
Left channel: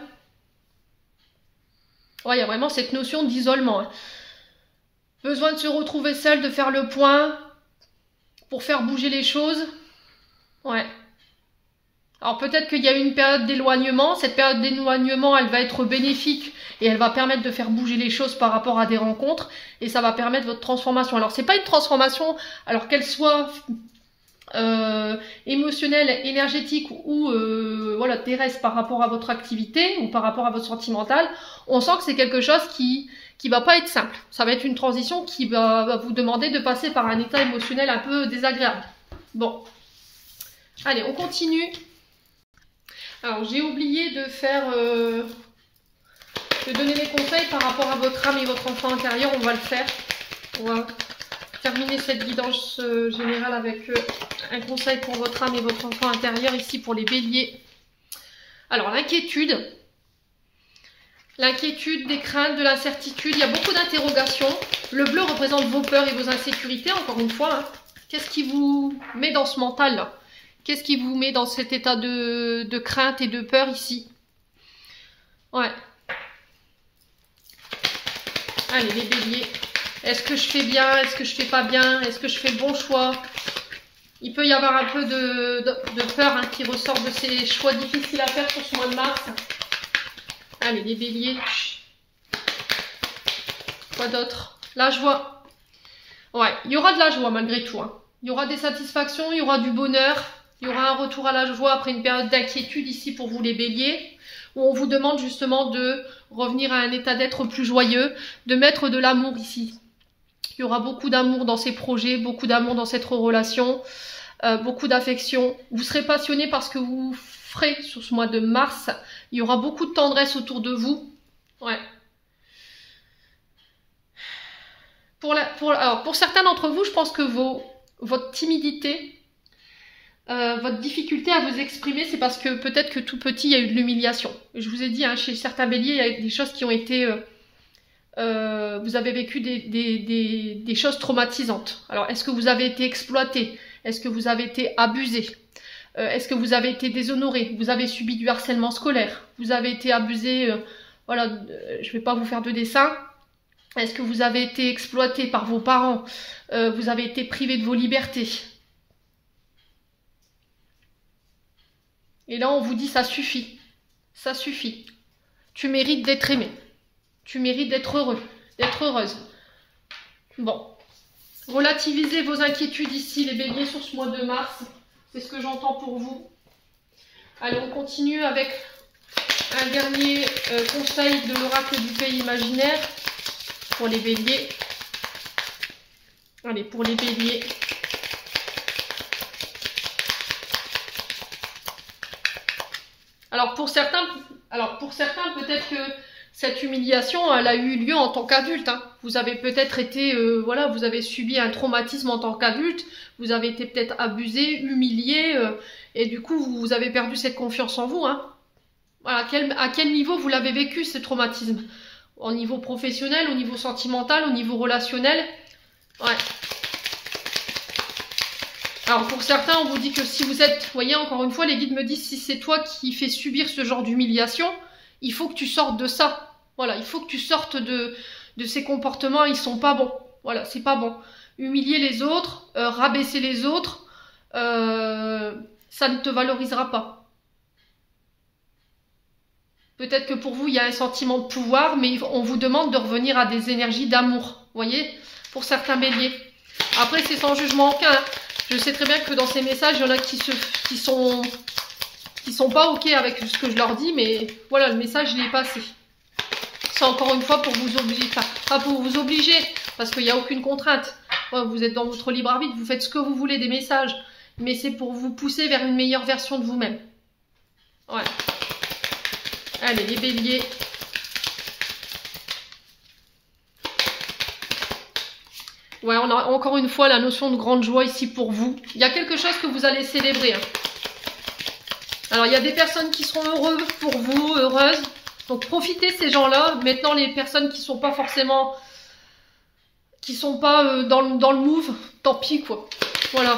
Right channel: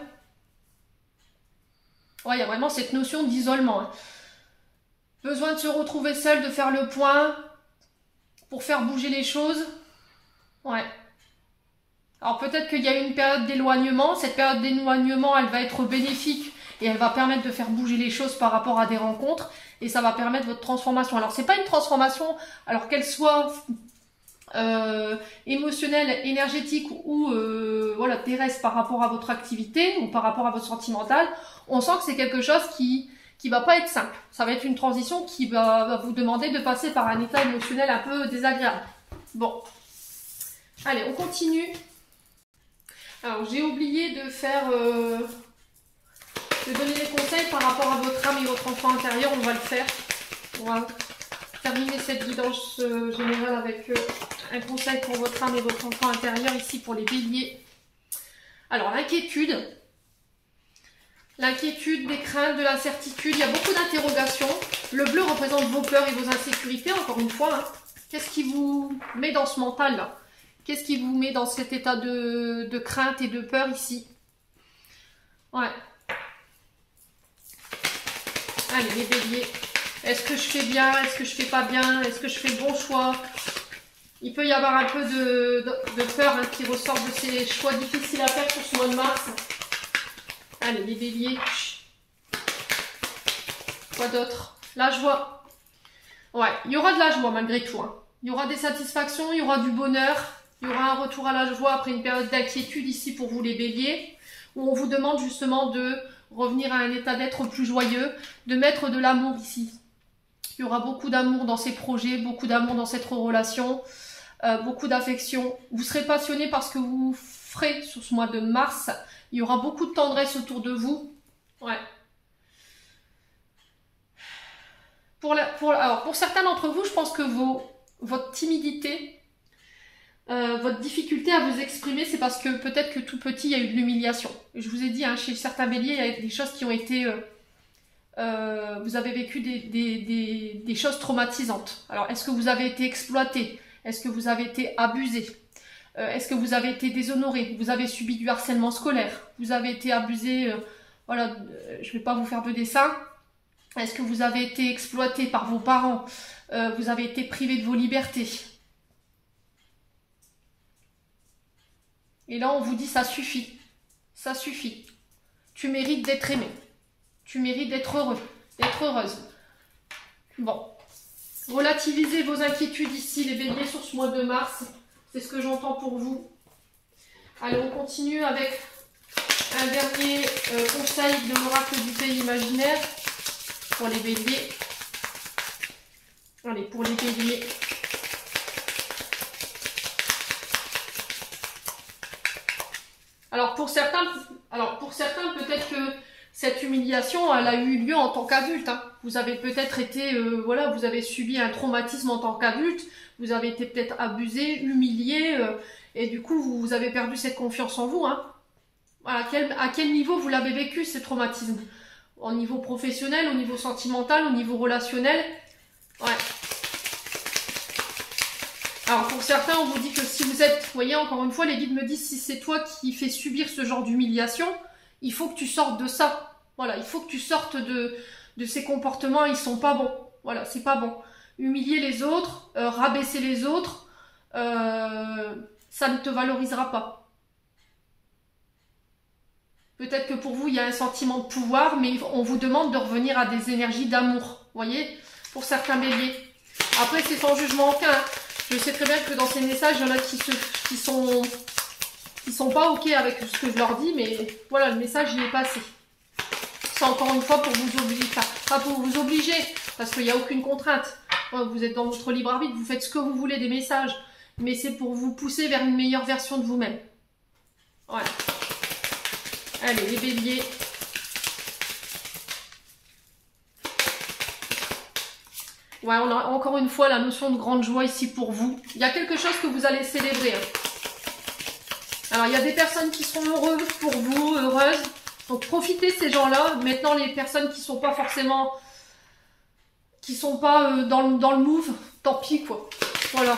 Ouais, il y a vraiment cette notion d'isolement. Hein. Besoin de se retrouver seul, de faire le point pour faire bouger les choses. Ouais. Alors peut-être qu'il y a une période d'éloignement. Cette période d'éloignement, elle va être bénéfique et elle va permettre de faire bouger les choses par rapport à des rencontres. Et ça va permettre votre transformation. Alors c'est pas une transformation, alors qu'elle soit émotionnelle, énergétique ou voilà, terrestre par rapport à votre activité ou par rapport à votre sentimental, on sent que c'est quelque chose qui va pas être simple. Ça va être une transition qui va vous demander de passer par un état émotionnel un peu désagréable. Bon, allez, on continue. Alors, j'ai oublié de faire de donner des conseils par rapport à votre âme et votre enfant intérieur. On va le faire. On va terminer cette guidance générale avec un conseil pour votre âme et votre enfant intérieur ici pour les béliers. Alors, l'inquiétude. L'inquiétude, des craintes, de l'incertitude, il y a beaucoup d'interrogations. Le bleu représente vos peurs et vos insécurités, encore une fois. Hein. Qu'est-ce qui vous met dans ce mental-là? Qu'est-ce qui vous met dans cet état de crainte et de peur ici? Ouais. Allez, les béliers. Est-ce que je fais bien? Est-ce que je fais pas bien? Est-ce que je fais le bon choix? Il peut y avoir un peu de peur hein, qui ressort de ces choix difficiles à faire sur ce mois de mars. Allez, les béliers. Quoi d'autre? La joie. Ouais, il y aura de la joie malgré tout. Hein. Il y aura des satisfactions, il y aura du bonheur. Il y aura un retour à la joie après une période d'inquiétude ici pour vous les béliers. Où on vous demande justement de revenir à un état d'être plus joyeux. De mettre de l'amour ici. Il y aura beaucoup d'amour dans ces projets, beaucoup d'amour dans cette relation. Beaucoup d'affection. Vous serez passionné par ce que vous ferez sur ce mois de mars. Il y aura beaucoup de tendresse autour de vous. Ouais. Alors, pour certains d'entre vous, je pense que votre timidité, votre difficulté à vous exprimer, c'est parce que peut-être que tout petit, il y a eu de l'humiliation. Je vous ai dit, hein, chez certains béliers, il y a des choses qui ont été... vous avez vécu des choses traumatisantes. Alors, est-ce que vous avez été exploité? Est-ce que vous avez été abusé? Est-ce que vous avez été déshonoré? Vous avez subi du harcèlement scolaire? Vous avez été abusé? Voilà, je ne vais pas vous faire de dessin. Est-ce que vous avez été exploité par vos parents? Vous avez été privé de vos libertés? Et là, on vous dit ça suffit. Ça suffit. Tu mérites d'être aimé. Tu mérites d'être heureux, d'être heureuse. Bon. Relativisez vos inquiétudes ici, les béliers, sur ce mois de mars. C'est ce que j'entends pour vous. Allez, on continue avec un dernier conseil de l'oracle du pays imaginaire pour les béliers. Allez, pour les béliers. Alors pour certains peut-être que cette humiliation, elle a eu lieu en tant qu'adulte. Hein. Vous avez peut-être été, voilà, vous avez subi un traumatisme en tant qu'adulte. Vous avez été peut-être abusé, humilié, et du coup vous avez perdu cette confiance en vous. Hein. Voilà, à quel niveau vous l'avez vécu, ce traumatisme? Au niveau professionnel, au niveau sentimental, au niveau relationnel? Ouais. Alors pour certains, on vous dit que si vous êtes, vous voyez, encore une fois, les guides me disent, si c'est toi qui fais subir ce genre d'humiliation, il faut que tu sortes de ça. Voilà, il faut que tu sortes de ces comportements, ils sont pas bons. Voilà, c'est pas bon. Humilier les autres, rabaisser les autres, ça ne te valorisera pas. Peut-être que pour vous, il y a un sentiment de pouvoir, mais on vous demande de revenir à des énergies d'amour. Vous voyez, pour certains béliers. Après, c'est sans jugement aucun. Je sais très bien que dans ces messages, il y en a qui sont pas OK avec ce que je leur dis, mais voilà, le message, il est passé. C'est encore une fois pour vous obliger, pas pour vous obliger, parce qu'il n'y a aucune contrainte. Vous êtes dans votre libre arbitre, vous faites ce que vous voulez des messages, mais c'est pour vous pousser vers une meilleure version de vous-même. Voilà. Allez, les béliers. Ouais, on a encore une fois la notion de grande joie ici pour vous. Il y a quelque chose que vous allez célébrer. Hein. Alors, il y a des personnes qui seront heureuses pour vous, heureuses. Donc, profitez ces gens-là. Maintenant, les personnes qui sont pas forcément... qui sont pas dans le move, tant pis, quoi. Voilà.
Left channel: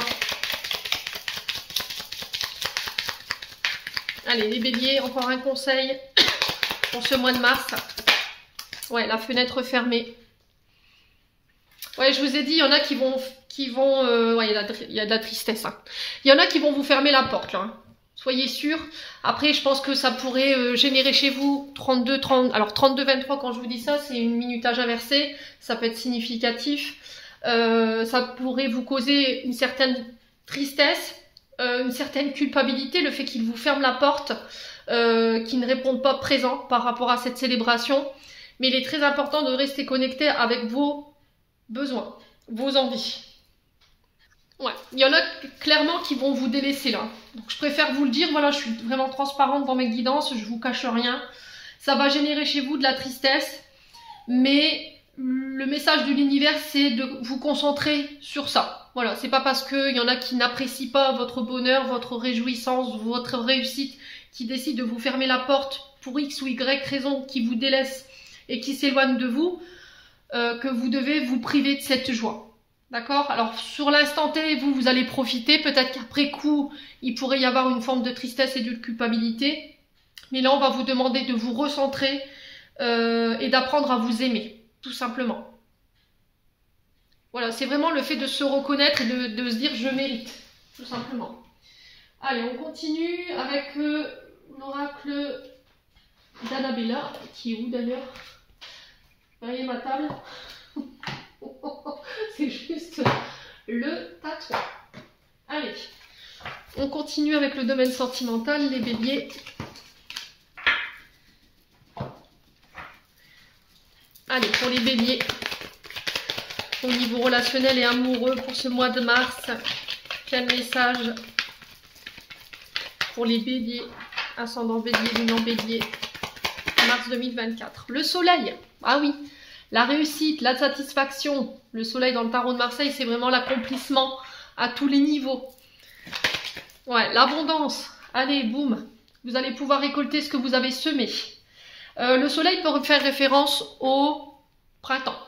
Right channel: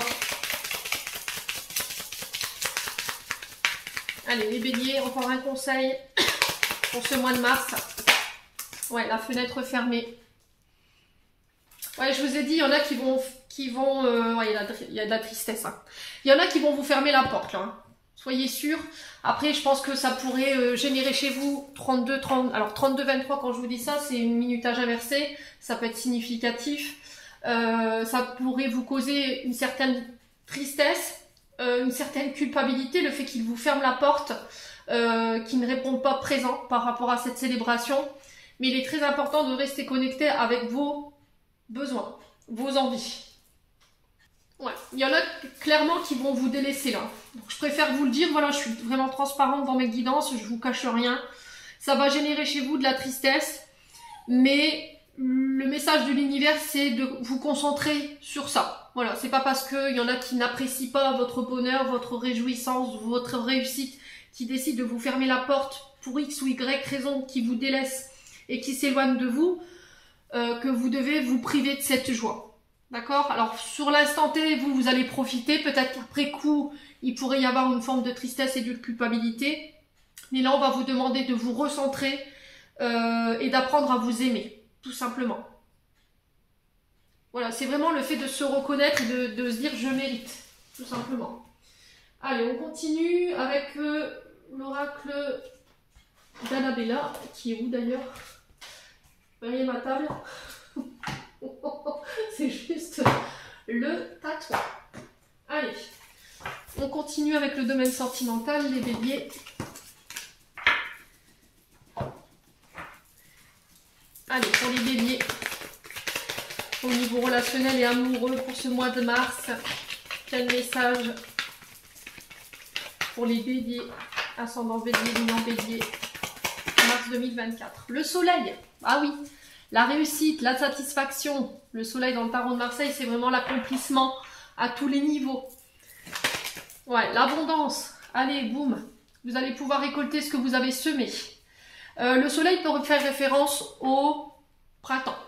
Allez, les béliers, encore un conseil pour ce mois de mars. Ouais, la fenêtre fermée. Ouais, je vous ai dit, il y en a qui vont ouais, il y a de la tristesse. Hein. Il y en a qui vont vous fermer la porte, là. Hein. Soyez sûrs. Après, je pense que ça pourrait générer chez vous 32, 30... Alors, 32, 23, quand je vous dis ça, c'est une minutage inversée. Ça peut être significatif. Ça pourrait vous causer une certaine tristesse, une certaine culpabilité, le fait qu'il vous ferme la porte, qu'il ne répond pas présent par rapport à cette célébration. Mais il est très important de rester connecté avec vos besoins, vos envies. Ouais, il y en a clairement qui vont vous délaisser là. Donc je préfère vous le dire, voilà, je suis vraiment transparente dans mes guidances, je vous cache rien. Ça va générer chez vous de la tristesse, mais le message de l'univers, c'est de vous concentrer sur ça. Voilà, c'est pas parce qu'il y en a qui n'apprécient pas votre bonheur, votre réjouissance, votre réussite, qui décident de vous fermer la porte pour X ou Y raison, qui vous délaissent et qui s'éloignent de vous, que vous devez vous priver de cette joie. D'accord? Alors, sur l'instant T, vous allez profiter. Peut-être qu'après coup, il pourrait y avoir une forme de tristesse et de culpabilité. Mais là, on va vous demander de vous recentrer et d'apprendre à vous aimer, tout simplement. Voilà, c'est vraiment le fait de se reconnaître et de se dire « je mérite », tout simplement. Allez, on continue avec l'oracle d'Annabella, qui est où d'ailleurs? Vous voyez ma table? C'est juste le tatouage. Allez, on continue avec le domaine sentimental, les béliers. Allez, pour les béliers, au niveau relationnel et amoureux pour ce mois de mars, quel message pour les béliers, ascendant bélier, lune en bélier, mars 2024. Le soleil, ah oui, la réussite, la satisfaction. Le soleil dans le tarot de Marseille, c'est vraiment l'accomplissement à tous les niveaux. Ouais, l'abondance. Allez, boum. Vous allez pouvoir récolter ce que vous avez semé. Le soleil peut faire référence au printemps.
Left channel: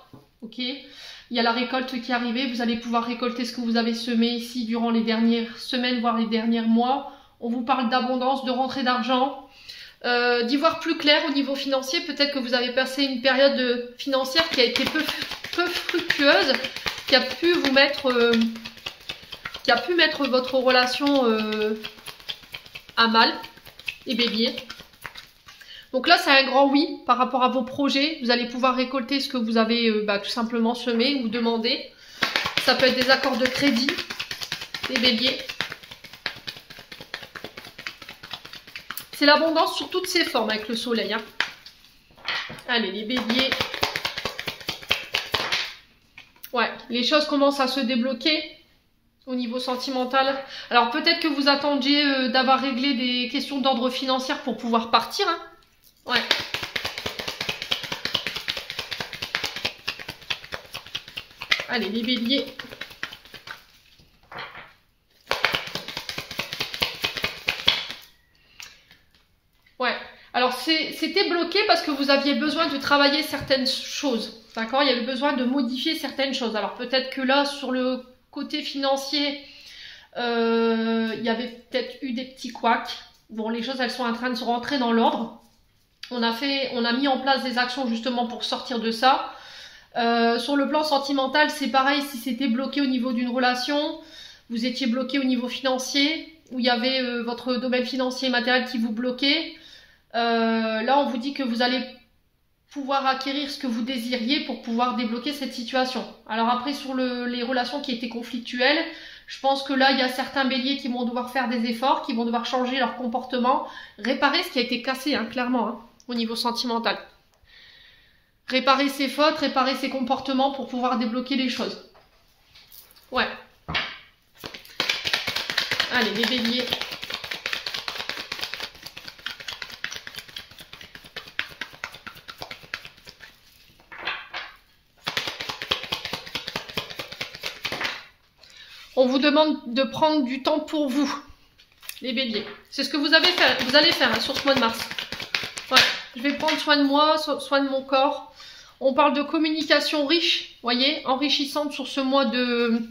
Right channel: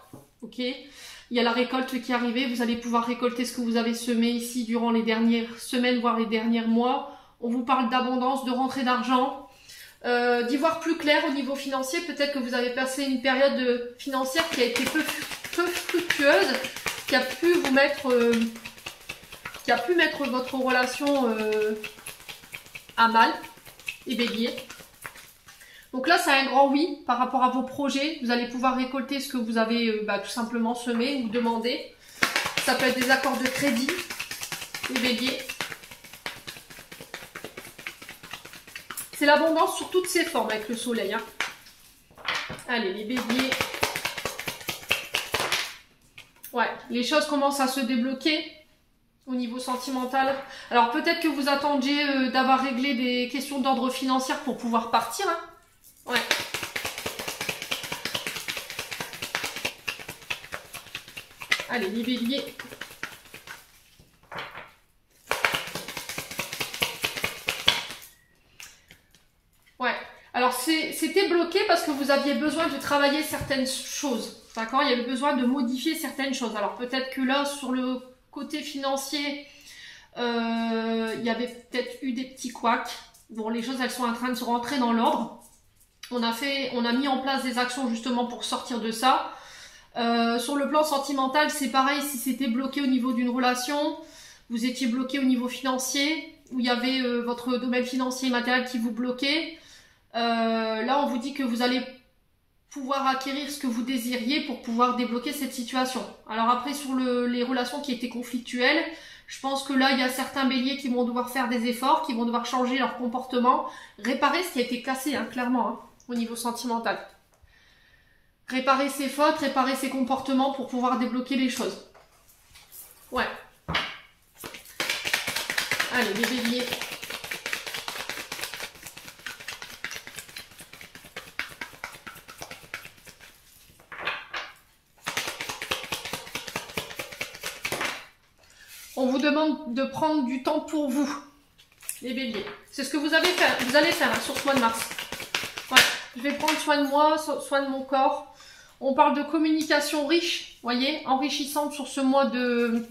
Ok. Il y a la récolte qui est arrivée. Vous allez pouvoir récolter ce que vous avez semé ici durant les dernières semaines, voire les derniers mois. On vous parle d'abondance, de rentrée d'argent. D'y voir plus clair au niveau financier, peut-être que vous avez passé une période financière qui a été peu fructueuse, qui a pu vous mettre, votre relation à mal, les béliers. Donc là, c'est un grand oui par rapport à vos projets. Vous allez pouvoir récolter ce que vous avez tout simplement semé ou demandé. Ça peut être des accords de crédit, les béliers. C'est l'abondance sur toutes ses formes avec le soleil. Hein. Allez, les béliers. Ouais, les choses commencent à se débloquer au niveau sentimental. Alors peut-être que vous attendiez d'avoir réglé des questions d'ordre financier pour pouvoir partir. Hein. Ouais. Allez, les béliers. Ouais. Alors c'était bloqué parce que vous aviez besoin de travailler certaines choses. D'accord? Il y avait besoin de modifier certaines choses. Alors peut-être que là, sur le côté financier, il y avait peut-être eu des petits couacs. Bon, les choses, elles sont en train de se rentrer dans l'ordre. On a mis en place des actions justement pour sortir de ça. Sur le plan sentimental, c'est pareil. Si c'était bloqué au niveau d'une relation, vous étiez bloqué au niveau financier, où il y avait votre domaine financier et matériel qui vous bloquait. Là, on vous dit que vous allez pouvoir acquérir ce que vous désiriez pour pouvoir débloquer cette situation. Alors après, sur les relations qui étaient conflictuelles, je pense que là, il y a certains béliers qui vont devoir faire des efforts, qui vont devoir changer leur comportement, réparer ce qui a été cassé, hein, clairement, hein, au niveau sentimental. Réparer ses fautes, réparer ses comportements pour pouvoir débloquer les choses. Ouais. Allez, les béliers. On vous demande de prendre du temps pour vous, les béliers. C'est ce que vous allez faire hein, sur ce mois de mars. Voilà. Je vais prendre soin de moi, soin de mon corps. On parle de communication riche, voyez, enrichissante sur ce mois de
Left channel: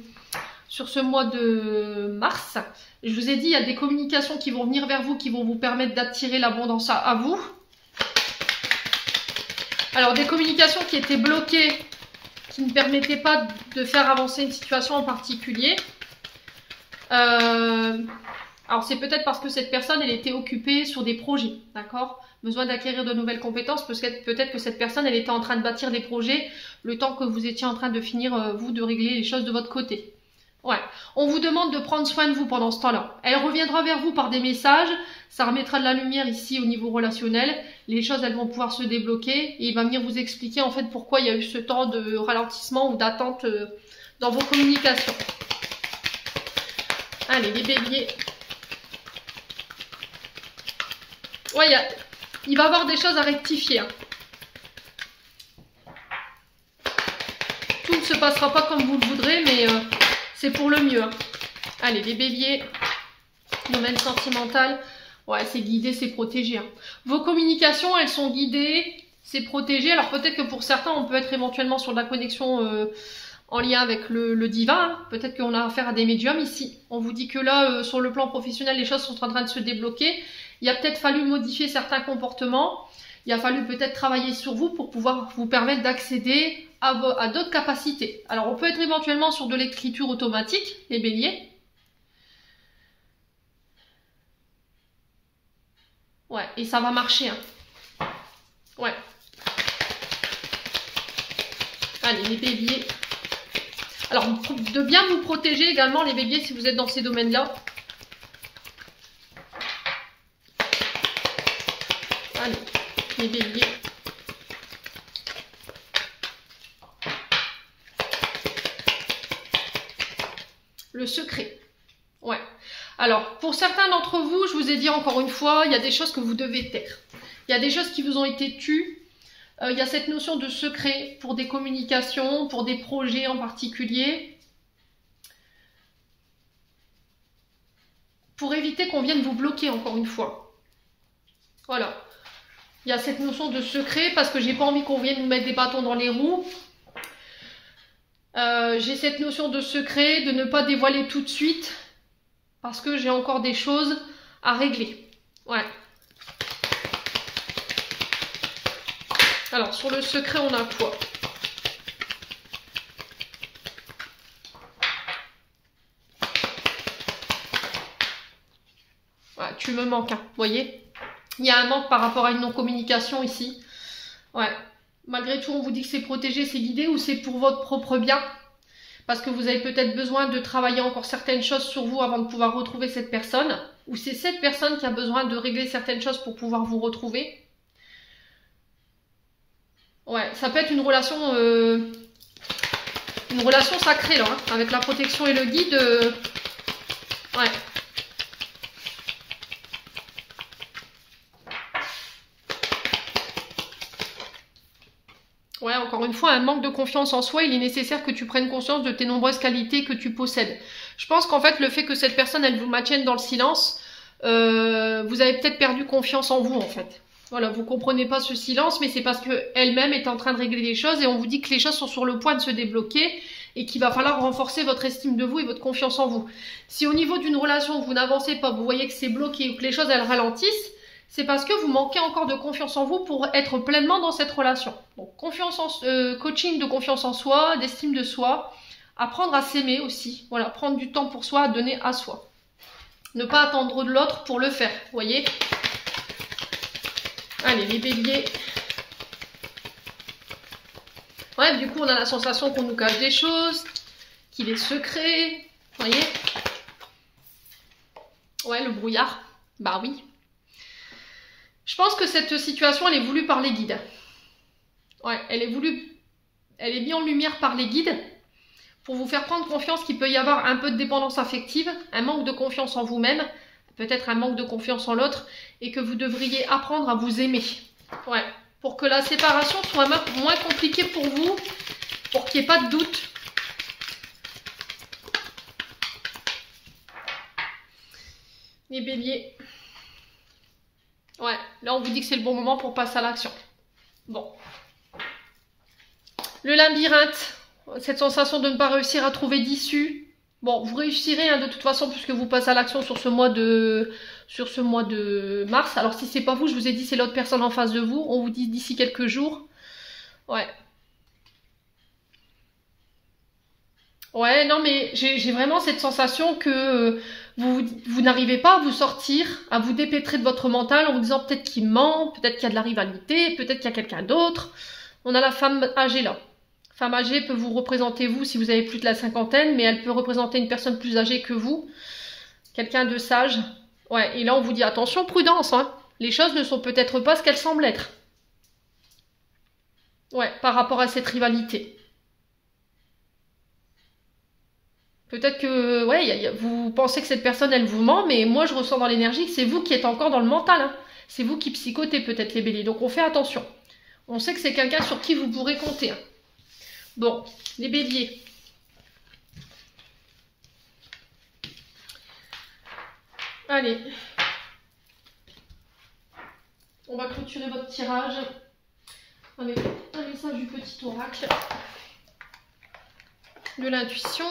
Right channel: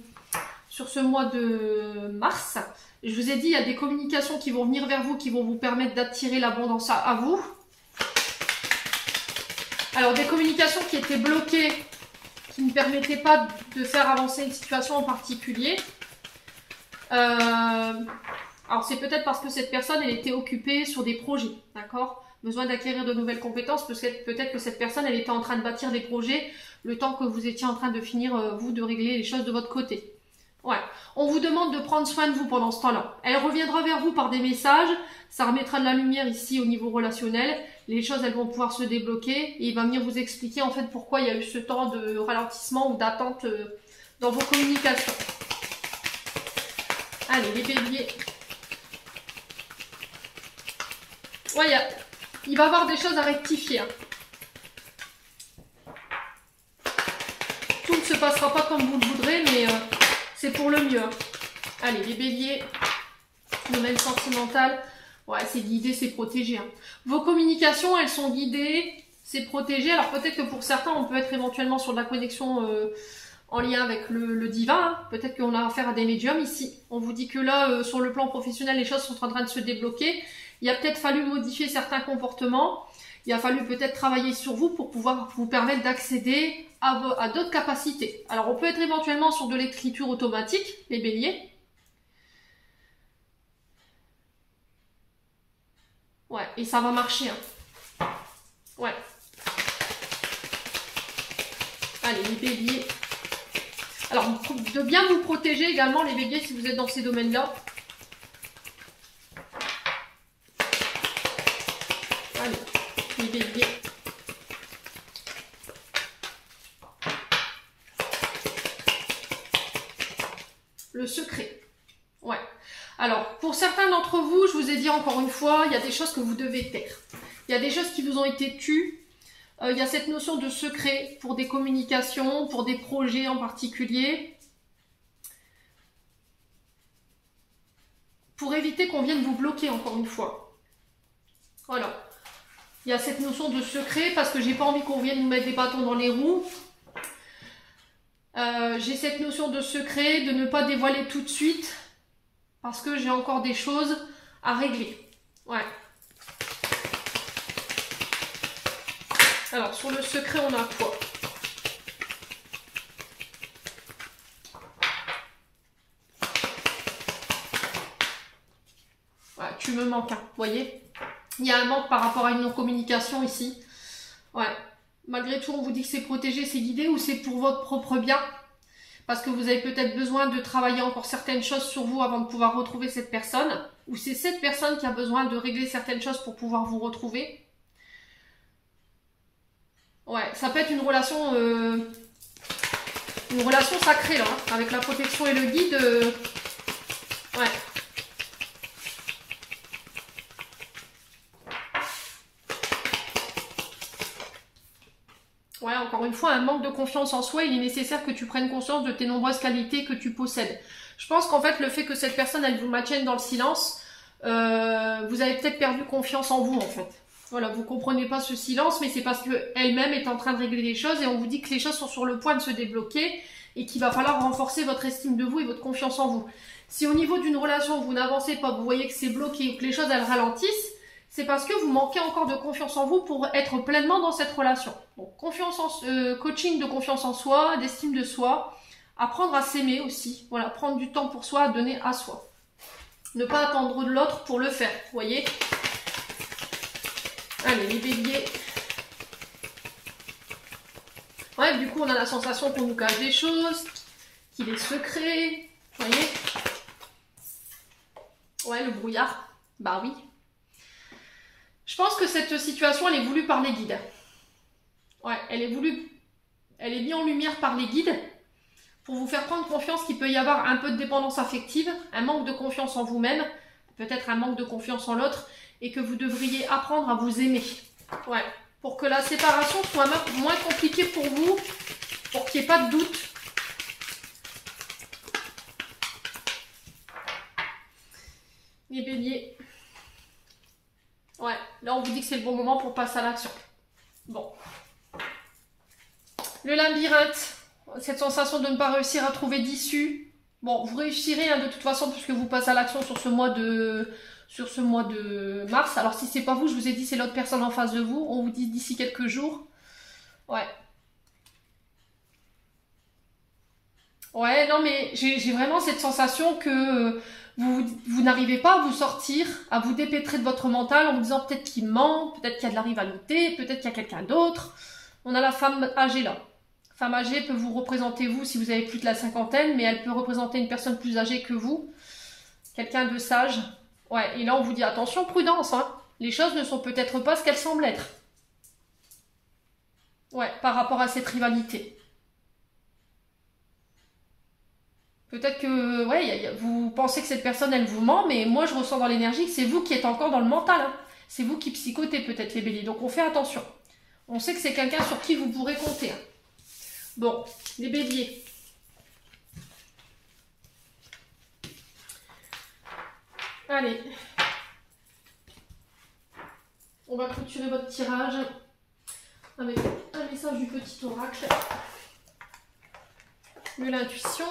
mars. Je vous ai dit, il y a des communications qui vont venir vers vous, qui vont vous permettre d'attirer l'abondance à vous. Alors, des communications qui étaient bloquées, qui ne permettaient pas de faire avancer une situation en particulier. Alors, c'est peut-être parce que cette personne, elle était occupée sur des projets, d'accord ? Besoin d'acquérir de nouvelles compétences, parce que peut-être que cette personne, elle était en train de bâtir des projets, le temps que vous étiez en train de finir, vous, de régler les choses de votre côté. Ouais. On vous demande de prendre soin de vous pendant ce temps-là. Elle reviendra vers vous par des messages, ça remettra de la lumière ici au niveau relationnel, les choses, elles vont pouvoir se débloquer, et il va venir vous expliquer, en fait, pourquoi il y a eu ce temps de ralentissement ou d'attente dans vos communications. Allez, les béliers. Ouais, il va y avoir des choses à rectifier. Hein. Tout ne se passera pas comme vous le voudrez, mais c'est pour le mieux. Hein. Allez, les béliers. Domaine sentimental. Ouais, c'est guidé, c'est protégé. Hein. Vos communications, elles sont guidées, c'est protégé. Alors peut-être que pour certains, on peut être éventuellement sur de la connexion en lien avec le divin. Hein. Peut-être qu'on a affaire à des médiums ici. On vous dit que là, sur le plan professionnel, les choses sont en train de se débloquer. Il a peut-être fallu modifier certains comportements. Il a fallu peut-être travailler sur vous pour pouvoir vous permettre d'accéder à d'autres capacités. Alors, on peut être éventuellement sur de l'écriture automatique, les béliers. Ouais, et ça va marcher. Hein. Ouais. Allez, les béliers. Alors, de bien vous protéger également, les béliers, si vous êtes dans ces domaines-là. Allez, les béliers. Le secret. Ouais. Alors, pour certains d'entre vous, je vous ai dit encore une fois, il y a des choses que vous devez taire. Il y a des choses qui vous ont été tues. Il y a cette notion de secret pour des communications, pour des projets en particulier. Pour éviter qu'on vienne vous bloquer encore une fois. Voilà. Il y a cette notion de secret parce que j'ai pas envie qu'on vienne nous mettre des bâtons dans les roues. J'ai cette notion de secret, de ne pas dévoiler tout de suite parce que j'ai encore des choses à régler. Ouais. Alors, sur le secret, on a quoi? Voilà, tu me manques, hein, vous voyez? Il y a un manque par rapport à une non-communication ici. Ouais. Malgré tout, on vous dit que c'est protégé, c'est guidé ou c'est pour votre propre bien. Parce que vous avez peut-être besoin de travailler encore certaines choses sur vous avant de pouvoir retrouver cette personne. Ou c'est cette personne qui a besoin de régler certaines choses pour pouvoir vous retrouver. Ouais, ça peut être une relation sacrée là, hein, avec la protection et le guide. Ouais. Ouais, encore une fois, un manque de confiance en soi, il est nécessaire que tu prennes conscience de tes nombreuses qualités que tu possèdes. Je pense qu'en fait, le fait que cette personne, elle vous maintienne dans le silence, vous avez peut-être perdu confiance en vous, en fait. Voilà, vous comprenez pas ce silence, mais c'est parce qu'elle-même est en train de régler les choses et on vous dit que les choses sont sur le point de se débloquer et qu'il va falloir renforcer votre estime de vous et votre confiance en vous. Si au niveau d'une relation, vous n'avancez pas, vous voyez que c'est bloqué, que les choses, elles ralentissent, c'est parce que vous manquez encore de confiance en vous pour être pleinement dans cette relation. Donc, coaching de confiance en soi, d'estime de soi, apprendre à s'aimer aussi. Voilà, prendre du temps pour soi, à donner à soi. Ne pas attendre de l'autre pour le faire, vous voyez. Allez, les béliers. Ouais, du coup, on a la sensation qu'on nous cache des choses, qu'il est secret, vous voyez. Ouais, le brouillard. Bah oui. Je pense que cette situation, elle est voulue par les guides. Ouais, elle est mise en lumière par les guides pour vous faire prendre confiance qu'il peut y avoir un peu de dépendance affective, un manque de confiance en vous-même, peut-être un manque de confiance en l'autre, et que vous devriez apprendre à vous aimer. Ouais, pour que la séparation soit moins compliquée pour vous, pour qu'il n'y ait pas de doute. Les béliers. Ouais, là on vous dit que c'est le bon moment pour passer à l'action. Bon. Le labyrinthe, cette sensation de ne pas réussir à trouver d'issue. Bon, vous réussirez hein, de toute façon puisque vous passez à l'action sur ce mois de mars. Alors si c'est pas vous, je vous ai dit c'est l'autre personne en face de vous. On vous dit d'ici quelques jours. Ouais. Ouais, non mais j'ai vraiment cette sensation que vous n'arrivez pas à vous sortir, à vous dépêtrer de votre mental en vous disant peut-être qu'il ment, peut-être qu'il y a de la rivalité, peut-être qu'il y a quelqu'un d'autre. On a la femme âgée là. Femme âgée peut vous représenter vous si vous avez plus de la cinquantaine, mais elle peut représenter une personne plus âgée que vous. Quelqu'un de sage. Ouais, et là on vous dit attention, prudence, hein. Les choses ne sont peut-être pas ce qu'elles semblent être. Ouais, par rapport à cette rivalité. Peut-être que, ouais, vous pensez que cette personne, elle vous ment, mais moi, je ressens dans l'énergie que c'est vous qui êtes encore dans le mental. Hein. C'est vous qui psychotez peut-être les béliers. Donc, on fait attention. On sait que c'est quelqu'un sur qui vous pourrez compter. Hein. Bon, les béliers. Allez. On va clôturer votre tirage avec un message du petit oracle. De l'intuition.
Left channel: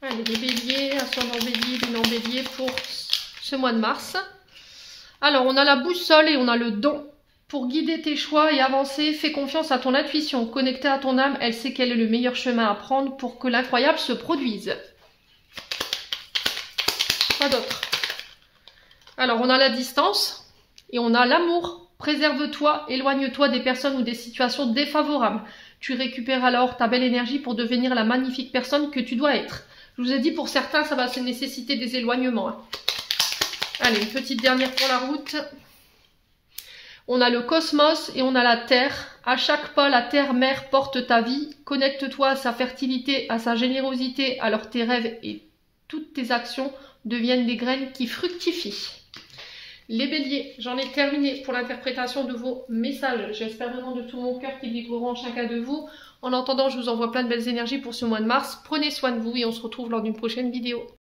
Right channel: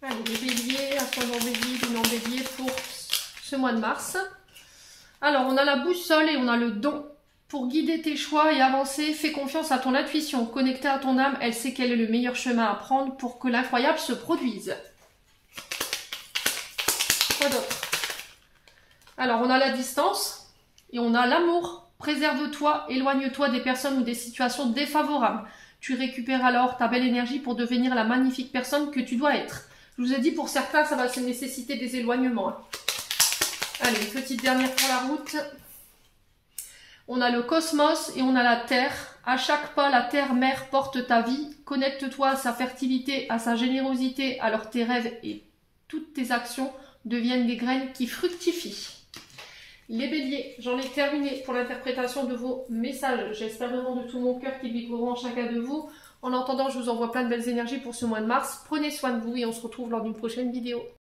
Allez, les béliers, ascendant bélier, lunan bélier pour ce mois de mars. Alors, on a la boussole et on a le don. Pour guider tes choix et avancer, fais confiance à ton intuition. Connectée à ton âme, elle sait quel est le meilleur chemin à prendre pour que l'incroyable se produise. Quoi d'autre? Alors, on a la distance et on a l'amour. Préserve-toi, éloigne-toi des personnes ou des situations défavorables. Tu récupères alors ta belle énergie pour devenir la magnifique personne que tu dois être. Je vous ai dit, pour certains, ça va nécessiter des éloignements. Hein. Allez, une petite dernière pour la route. On a le cosmos et on a la terre. À chaque pas, la terre-mère porte ta vie. Connecte-toi à sa fertilité, à sa générosité. Alors tes rêves et toutes tes actions deviennent des graines qui fructifient. Les béliers, j'en ai terminé pour l'interprétation de vos messages. J'espère vraiment de tout mon cœur qu'ils vibreront chacun de vous. En attendant, je vous envoie plein de belles énergies pour ce mois de mars. Prenez soin de vous et on se retrouve lors d'une prochaine vidéo.